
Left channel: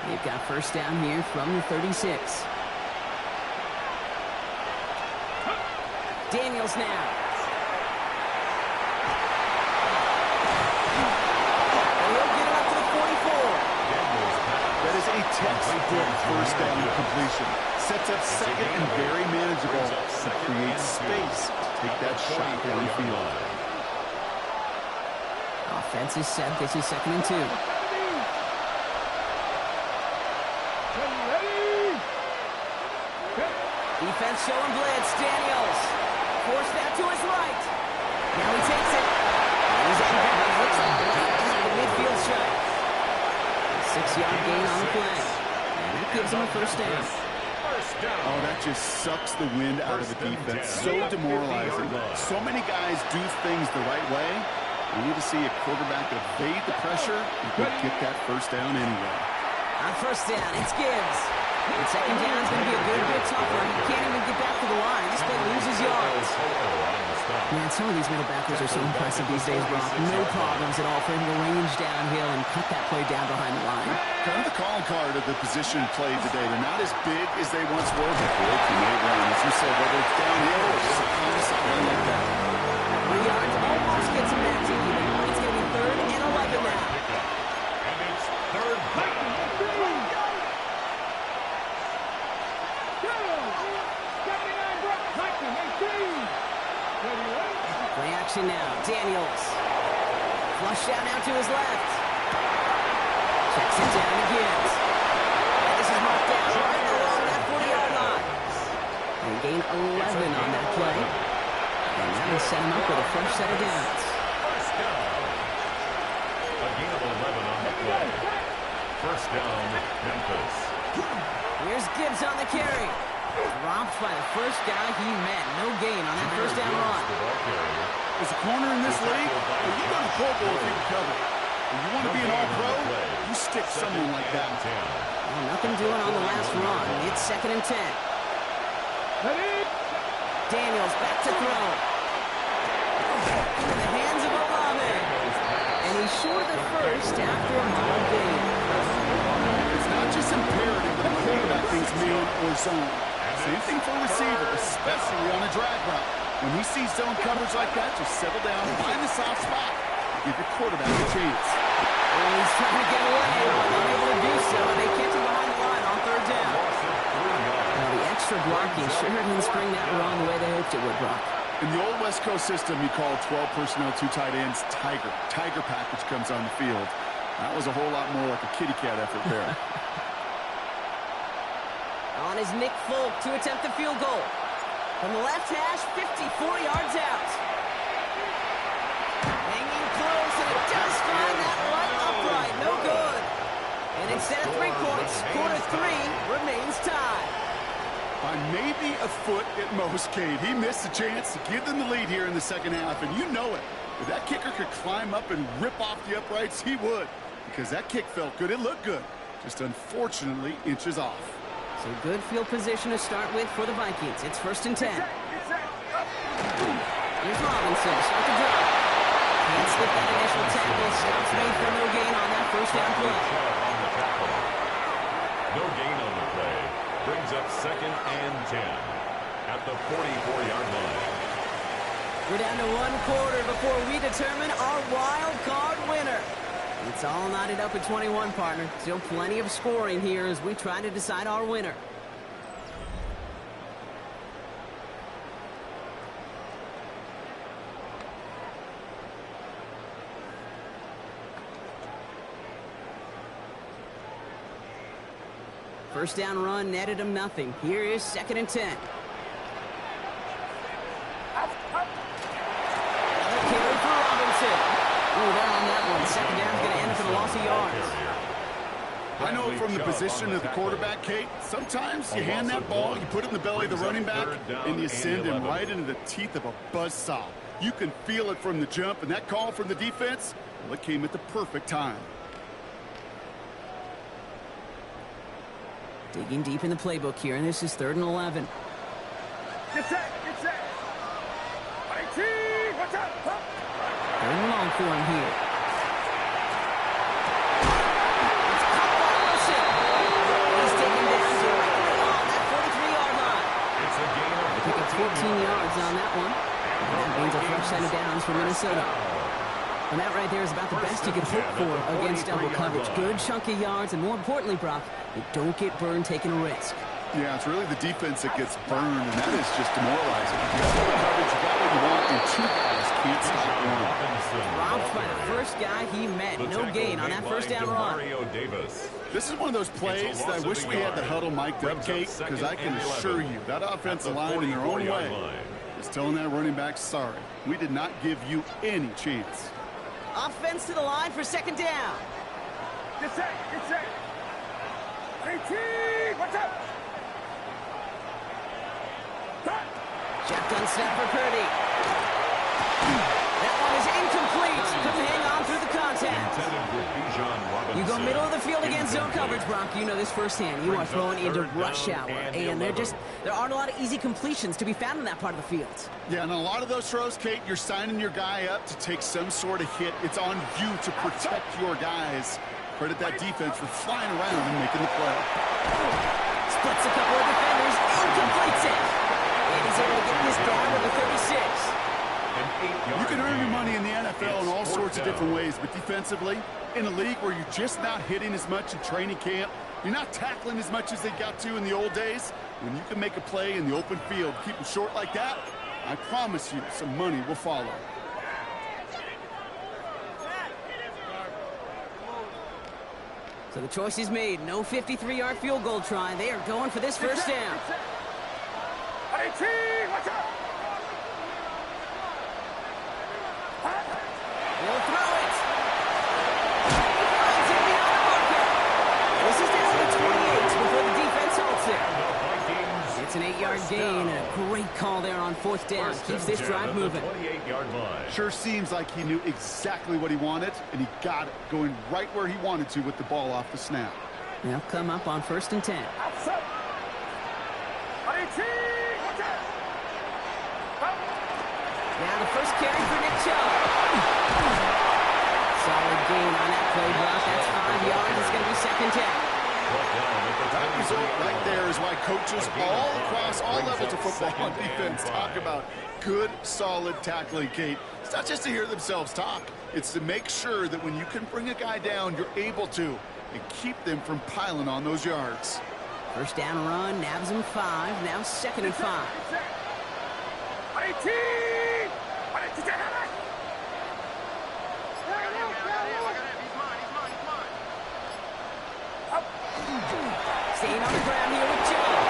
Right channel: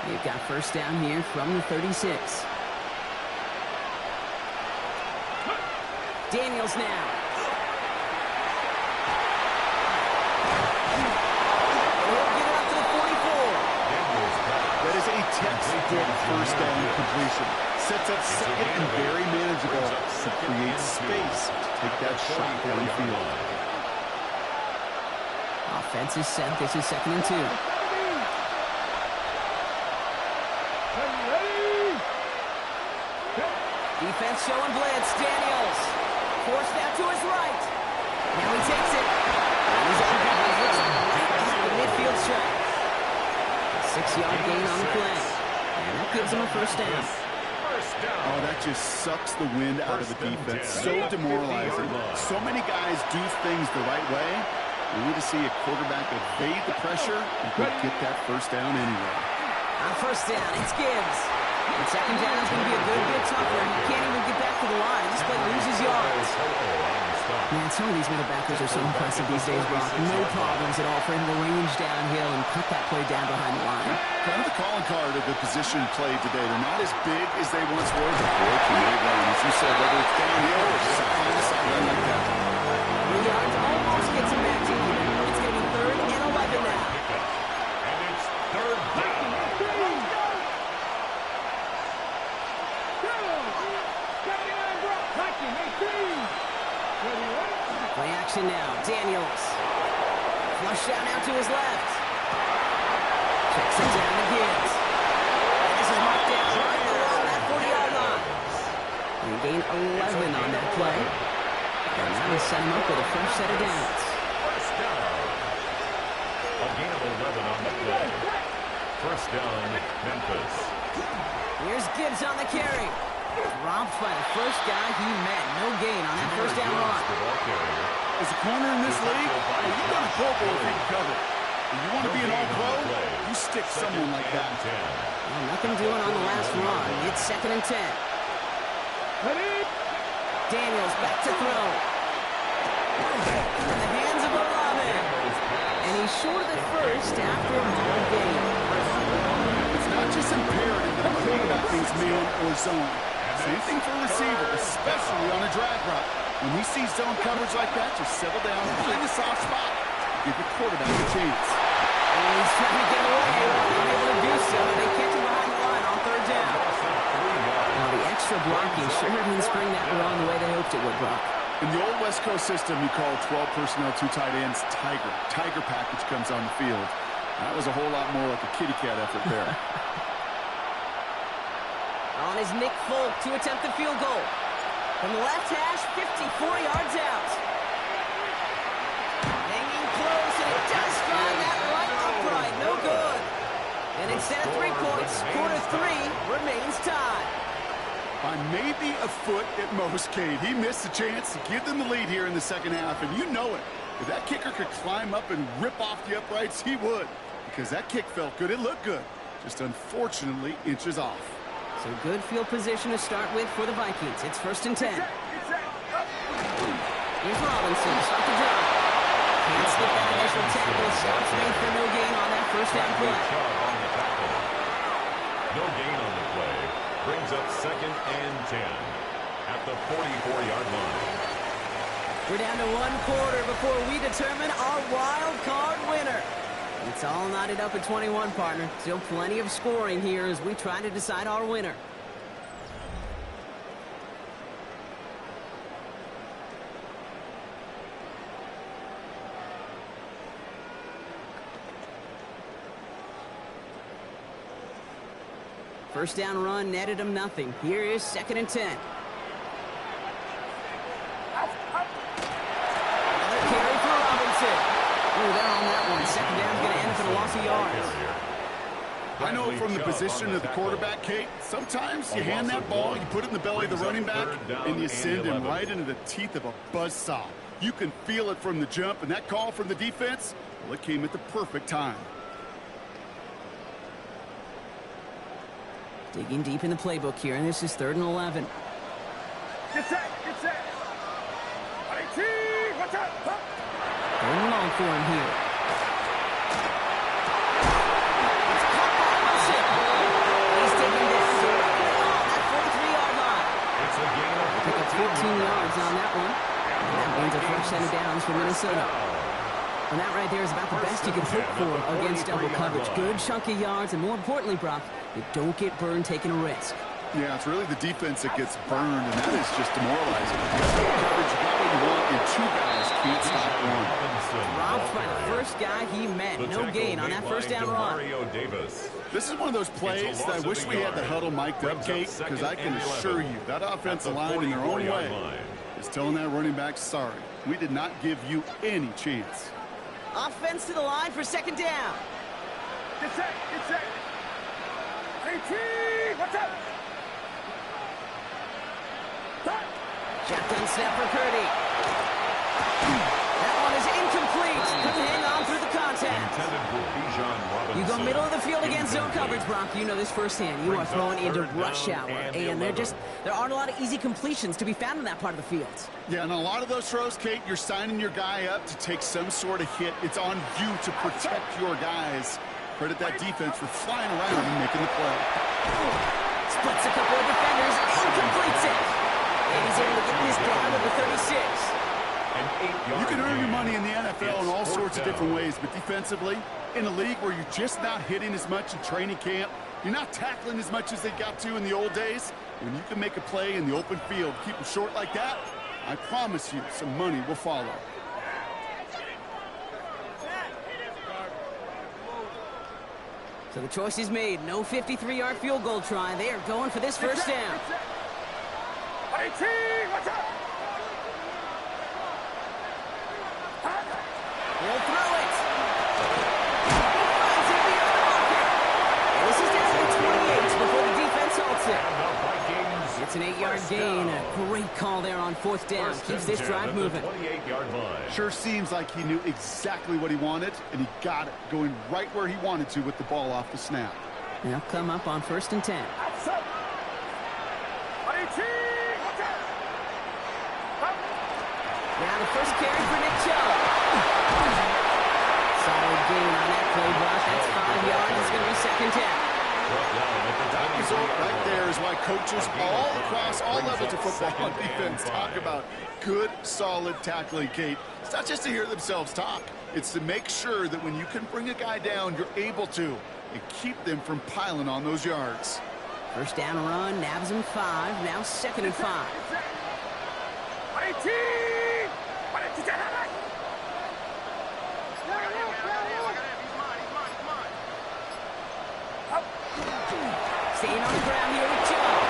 They've got first down here from the 36. Daniels now. He'll get it up to the 44. That is a textbook first down completion. Sets up second and very manageable to create space to take that shot downfield. Offense is set. This is second and 2. Defense showing blitz. Daniels forced out to his right. Now he takes it. And he's anchored. It looks like right at the midfield stripe. 6-yard gain on the play. And that gives him a first down. Oh, that just sucks the wind out of the defense. So demoralizing. So many guys do things the right way. We need to see a quarterback evade the pressure and go get that first down anyway. On first down, it's Gibbs. And second down is going to be a good bit tougher. He can't even get back to the line. This play loses yards. Man, some of these middle backers are so impressive these days, Brock. No problems at all for him to range downhill and cut that play down behind the line. Kind of the calling card of the position played today. They're not as big as they once were, but boy, can they run. As you said, whether it's downhill or sideline to sideline like that. 3 yards almost gets him back to even. It's going to be 3rd and 11 now. And it's 3rd down. Play action now. Daniels. Flush down now to his left. Checks it down again. And this is marked down right along that 40-yard line. They gain 11 on that play. And now they set him up with a fresh set of downs. First down. A gain of 11 on the play. First down, Memphis. Here's Gibbs on the carry. Dropped by the first guy he met. No gain on that first down run. The ball carrier. As a corner in this league, you go to Pro Bowl if you can cover. When you want to be an all-pro, you stick someone like that. Well, nothing doing on the last run. It's 2nd and 10. Daniels back to throw. In the hands of Olave. And he's short of the first after a long gain. It's not just imperative that the quarterback thinks man or zone. Same thing for a receiver, especially on a drag route. When he sees zone coverage like that, just settle down, find the soft spot, give your quarterback a chance. And he's trying to get away, but unable to do so. They catch him behind the line on 3rd down. Now the extra blocking sure didn't spring that run the way they hoped it would, Brock. In the old West Coast system, you call 12 personnel, 2 tight ends, Tiger. Tiger package comes on the field. That was a whole lot more like a kitty cat effort there. On is Nick Folk to attempt the field goal. From the left hash, 54 yards out. Hanging close, and it does find that right upright. No good. And instead of 3 points, quarter 3 remains tied. By maybe a foot at most, Cade. He missed the chance to give them the lead here in the second half, and you know it. If that kicker could climb up and rip off the uprights, he would. Because that kick felt good. It looked good. Just unfortunately inches off. So good field position to start with for the Vikings. It's 1st and 10. Here's Robinson to start the drive. Can't slip that initial tackle. Stops made for no gain on that first down play. On the tackle. No gain on the play. Brings up 2nd and 10 at the 44-yard line. We're down to 1 quarter before we determine our wild card winner. It's all knotted up at 21, partner. Still plenty of scoring here as we try to decide our winner. First down run netted him nothing. Here is 2nd and 10. Another carry for Robinson. Oh, they're on that one. 2nd down's going to end up in a loss of yards. I know from the position of the quarterback, Kate, sometimes you hand that ball, you put it in the belly of the running back, and you send him right into the teeth of a buzzsaw. You can feel it from the jump, and that call from the defense, well, it came at the perfect time. Digging deep in the playbook here, and this is 3rd and 11. Get set, get set. IT, watch out. 3rd and long for him here. It's caught by Wilson. He's taken down directly on that 43-yard line. It's a gain of Pick up 14 yards on that one. And that means a fresh set of downs for Minnesota. And that right there is about the best you can hope for against double coverage. Good chunky yards, and more importantly, Brock, you don't get burned taking a risk. Yeah, it's really the defense that gets burned, and that is just demoralizing. You got double coverage, you got what you want, and 2 guys can't stop one. Dropped by the first guy he met. No gain on that first down run. This is one of those plays that I wish we had the huddle mic'd up, Kate, because I can assure you that offensive line in their own way is telling that running back, sorry, we did not give you any chance. Offense to the line for 2nd down. Get set, get set. IT, watch out. Shotgun snap for Purdy. That one is incomplete. Couldn't hang on through the contact. You go middle of the field against zone coverage, Brock. You know this firsthand. You are throwing into rush hour. And there aren't a lot of easy completions to be found in that part of the field. Yeah, and a lot of those throws, Kate, you're signing your guy up to take some sort of hit. It's on you to protect your guys. Credit that defense for flying around and making the play. Splits a couple of defenders and completes it. And he's able to get this down to the 36. You can earn your money in the NFL in all sorts of different ways, but defensively, in a league where you're just not hitting as much in training camp, you're not tackling as much as they got to in the old days, when you can make a play in the open field, keep them short like that, I promise you some money will follow. So the choice is made. No 53-yard field goal try. They are going for this first down. He'll throw it. He finds it beyond the marker. And this is down to the 28 before the defense halts it. And the Vikings. It's an 8-yard gain. And a great call there on fourth down. Keeps this drive moving. 28-yard line. Sure seems like he knew exactly what he wanted, and he got it, going right where he wanted to with the ball off the snap. They'll come up on 1st and 10. Now the first carry for Nick Chubb. Solid gain on that play, Brock. That's 5 yards. It's going to be 2nd down. That result right there is why coaches all across all levels of football and defense talk about good, solid tackling, Kate. It's not just to hear themselves talk. It's to make sure that when you can bring a guy down, you're able to, and keep them from piling on those yards. First down run, nabs him 5. Now 2nd and 5. Staying on the ground here with Chubb.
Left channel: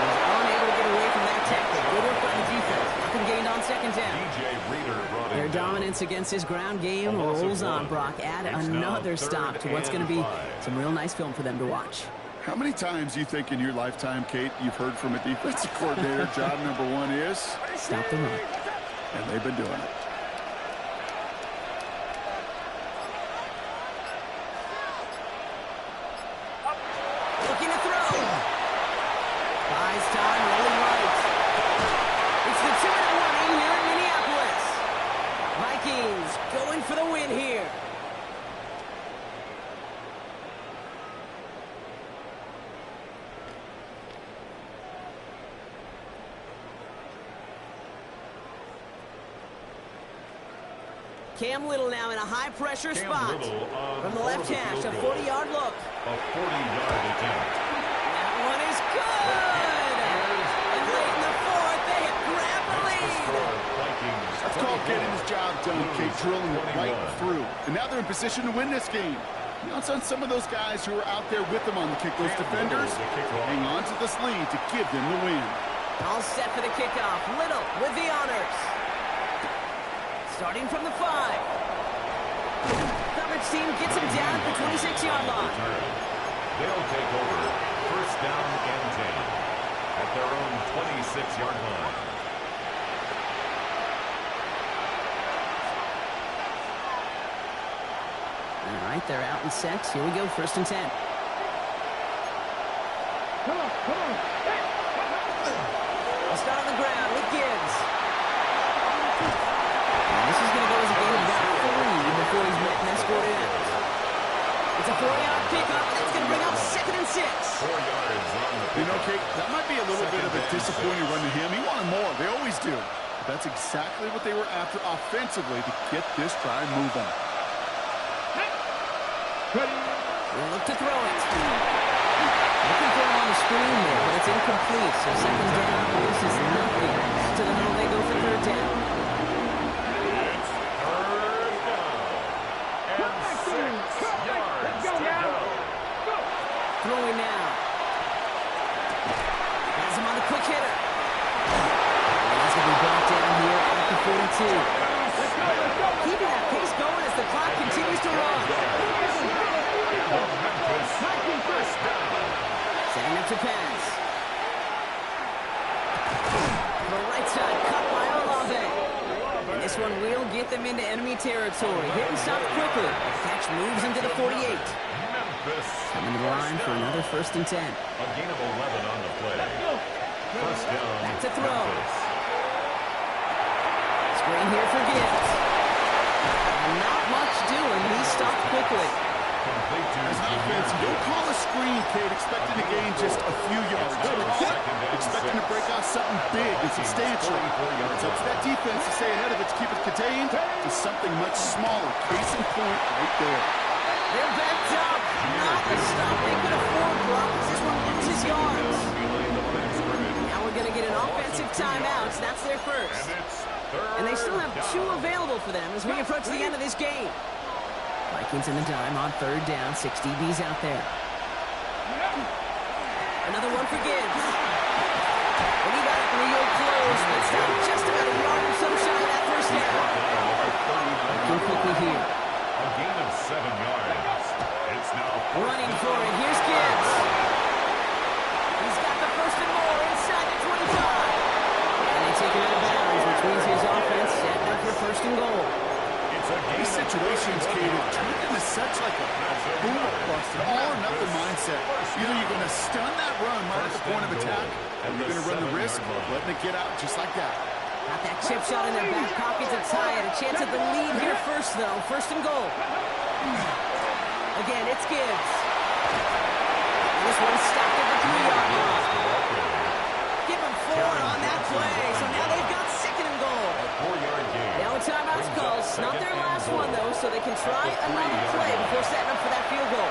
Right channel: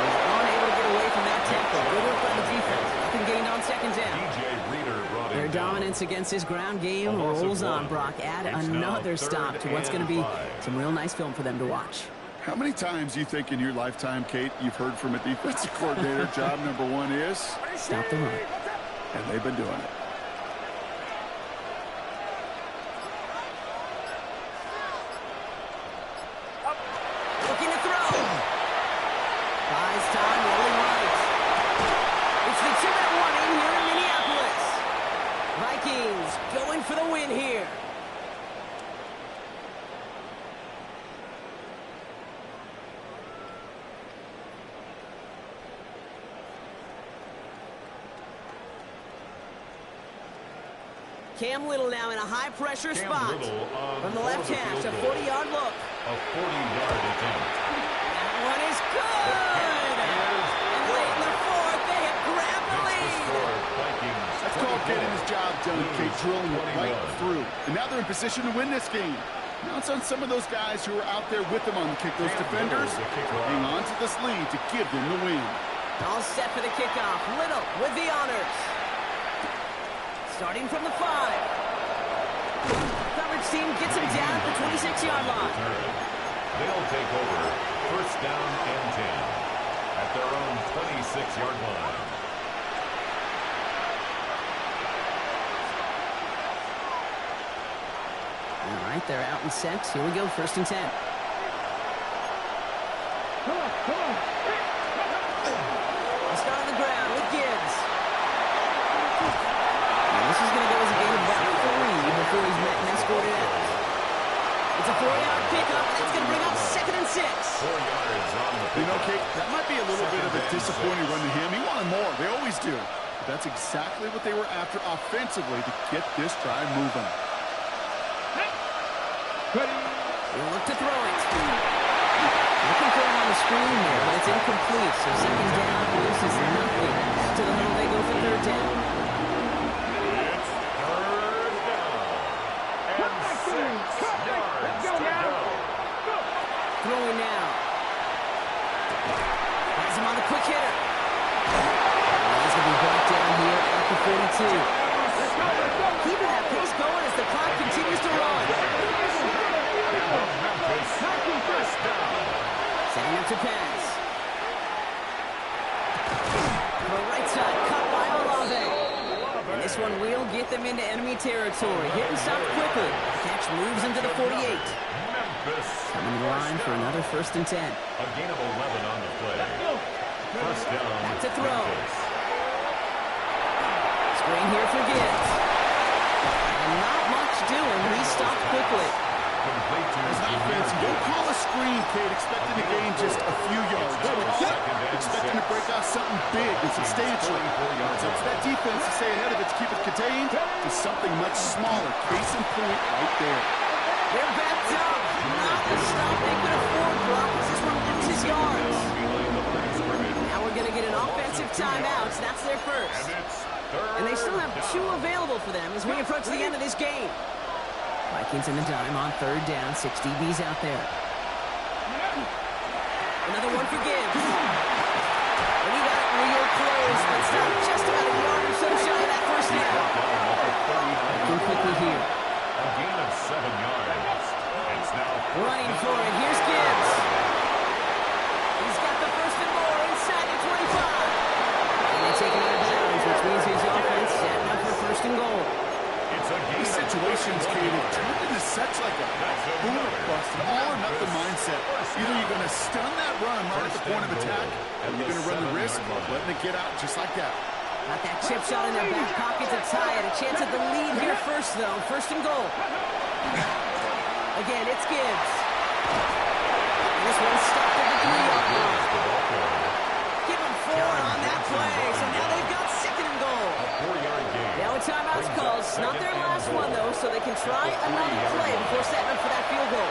He's unable to get away from that tackle. Good work by the defense. Nothing gained on 2nd down. DJ Reader brought Their him dominance against his ground game rolls on, Brock. Add another stop to what's going to be some real nice film for them to watch. How many times do you think in your lifetime, Kate, you've heard from a defensive coordinator, job number 1 is? Stop the run. And they've been doing it. Looking to throw. Buys time, rolling right. It's the 2-minute warning here in Minneapolis. Vikings going for the win here. Cam Little now in a high-pressure spot. From the left hash, a 40-yard look. A 40-yard attempt. That one is good. And late in the 4th, they have grabbed the lead. That's called getting his job done, Kate, drilling it right through. And now they're in position to win this game. Now it's on some of those guys who are out there with them on the kick, those defenders, hang on to this lead to give them the win. All set for the kickoff. Little with the honors. Starting from the 5. Coverage team gets him down at the 26-yard line. They'll take over 1st down and 10 at their own 26-yard line. All right, they're out in sets. Here we go, 1st and 10. Come on, come on. I'll start on the ground with Gibbs. And this is going to go as a gain of about 3 before he's met and escorted out. It's a 4-yard pickup, and it's going to bring up 2nd and 6. 4 yards on the pickup. You know, Kate, that might be a little bit of a disappointing run to him. He wanted more. They always do. But that's exactly what they were after offensively to get this drive moving. Ready. He'll look to throw it. Looking for him on the screen there, but it's incomplete. So 2nd down, this is nothing. To the middle, they go for 3rd down. It's 3rd down. And 6 yards to go. Throwing now. Has him on the quick hitter. And he's going to be brought down here at the 42. Keeping that pace going as the clock continues to run. And the Memphis 1st down. Setting up to pass. The right side cut by Olave. And this one will get them into enemy territory. Hit and stop quickly. The catch moves into the 48. Memphis. Coming to the line for another 1st and 10. A gain of 11 on the play. 1st down. Back to throw. Memphis. Screen here for Gibbs. And not much doing. He stopped quickly. Complete to As an offense, you don't call a screen, Kate, expecting to gain just a few yards. Expecting to break out something big and substantial. It's up to that defense to stay ahead of it, to keep it contained to something much smaller. Case in point right there. They're backed up. Not the stop they could afford, Brock, as this one loses yards. behind the line of scrimmage. Now we're going to get an offensive timeout. That's their first. And it's 3rd And they still have 2 down. available for them as we approach the end of this game. Vikings in the dime on third down. 6 DBs out there. Another one for Gibbs. And he got it real close, but stopped just about a yard or so shy of that first down. Looking quickly here. A gain of 7 yards. It's now running for it. Here's Gibbs. He's got the first and more inside the 25. And they take him out of bounds, which means his offense setting up for first and goal. These situations, Kate, have turned into such like a boom or bust, an all-or-nothing mindset. Either you're going to stun that run right at the point of attack, or you're going to run the risk of letting it get out just like that. Got that chip shot in their back pocket to tie it. A chance at the lead here first, though. First and goal. Again, it's Gibbs. And this one's stopped at the 3-yard line. Give them 4 on that play. So now they've got second and goal. A 4-yard gain. Now a timeout's called. Not their last one, though, so they can try another play before setting up for that field goal.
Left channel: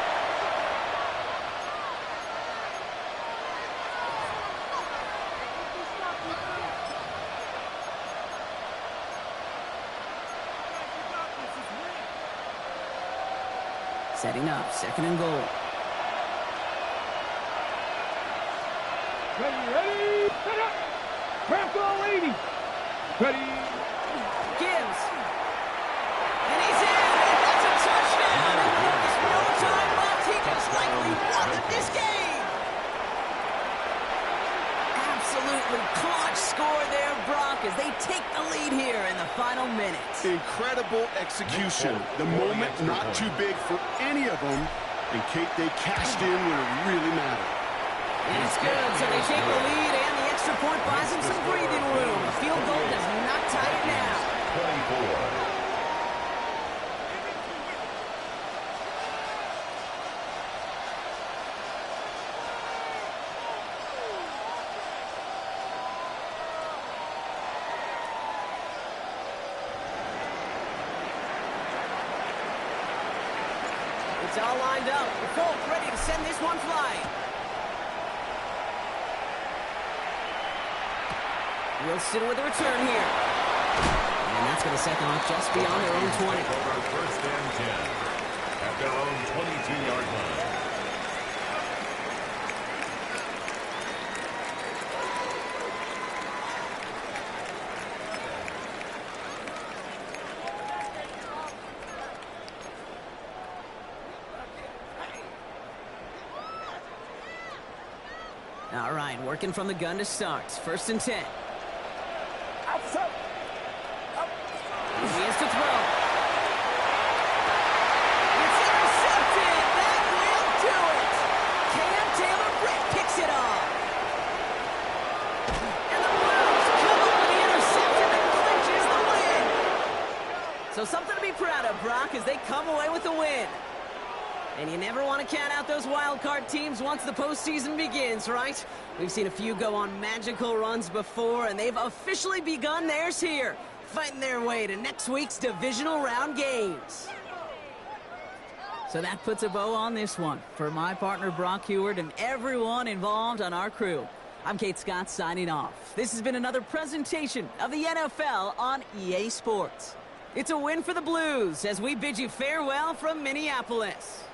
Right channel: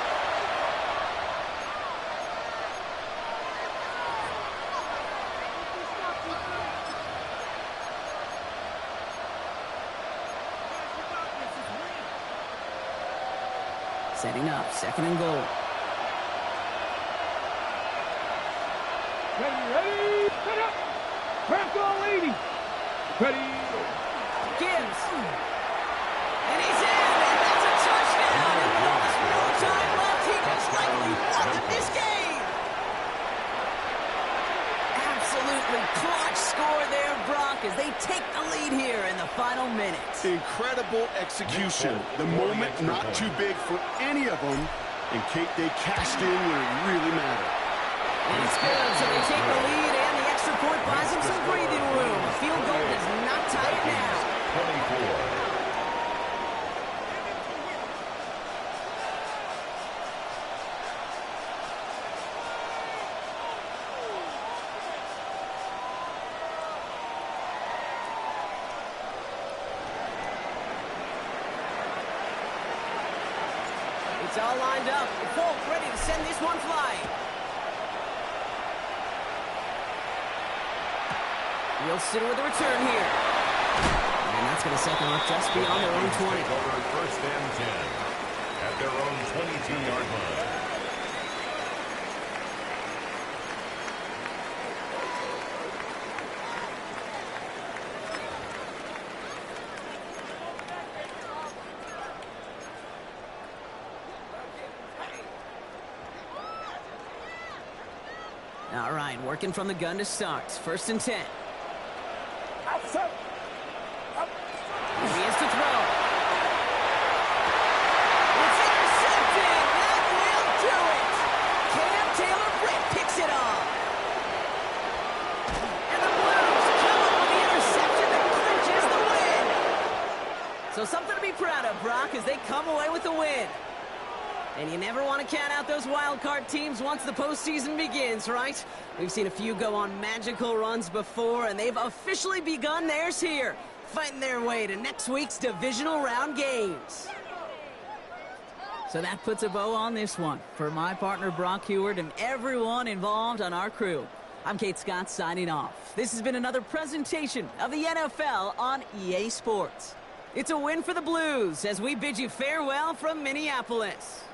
Setting up, second and goal. Ready, set up. Crack all 80. Ready. Gibbs. And he's in, and that's a touchdown. And with almost no time left, he just likely won this game. Absolutely clutch score there, Brock, as they take the lead here in the final minutes. Incredible execution. The moment not too big for any of them. And, Kate, they cashed in when it really mattered. And it's good, so they take the lead, and the extra point buys them some breathing room. A field goal does not tie it now. 24. It's all lined up. Folk ready to send this one flying. Wilson with a return here. And that's going to set them up just beyond their own 20. Take over first and 10 at their own 22-yard line. All right, working from the gun to start. First and 10. He is to throw. It's intercepted. That will do it. Cam Taylor-Britt picks it off. And the Blues come up with the interception that clinches the win. So something to be proud of, Brock, as they come away with the win. And you never want to count out those wild card teams once the postseason begins, right? We've seen a few go on magical runs before, and they've officially begun theirs here, fighting their way to next week's divisional round games. So that puts a bow on this one. For my partner, Brock Huard, and everyone involved on our crew, I'm Kate Scott signing off. This has been another presentation of the NFL on EA Sports. It's a win for the Blues as we bid you farewell from Minneapolis.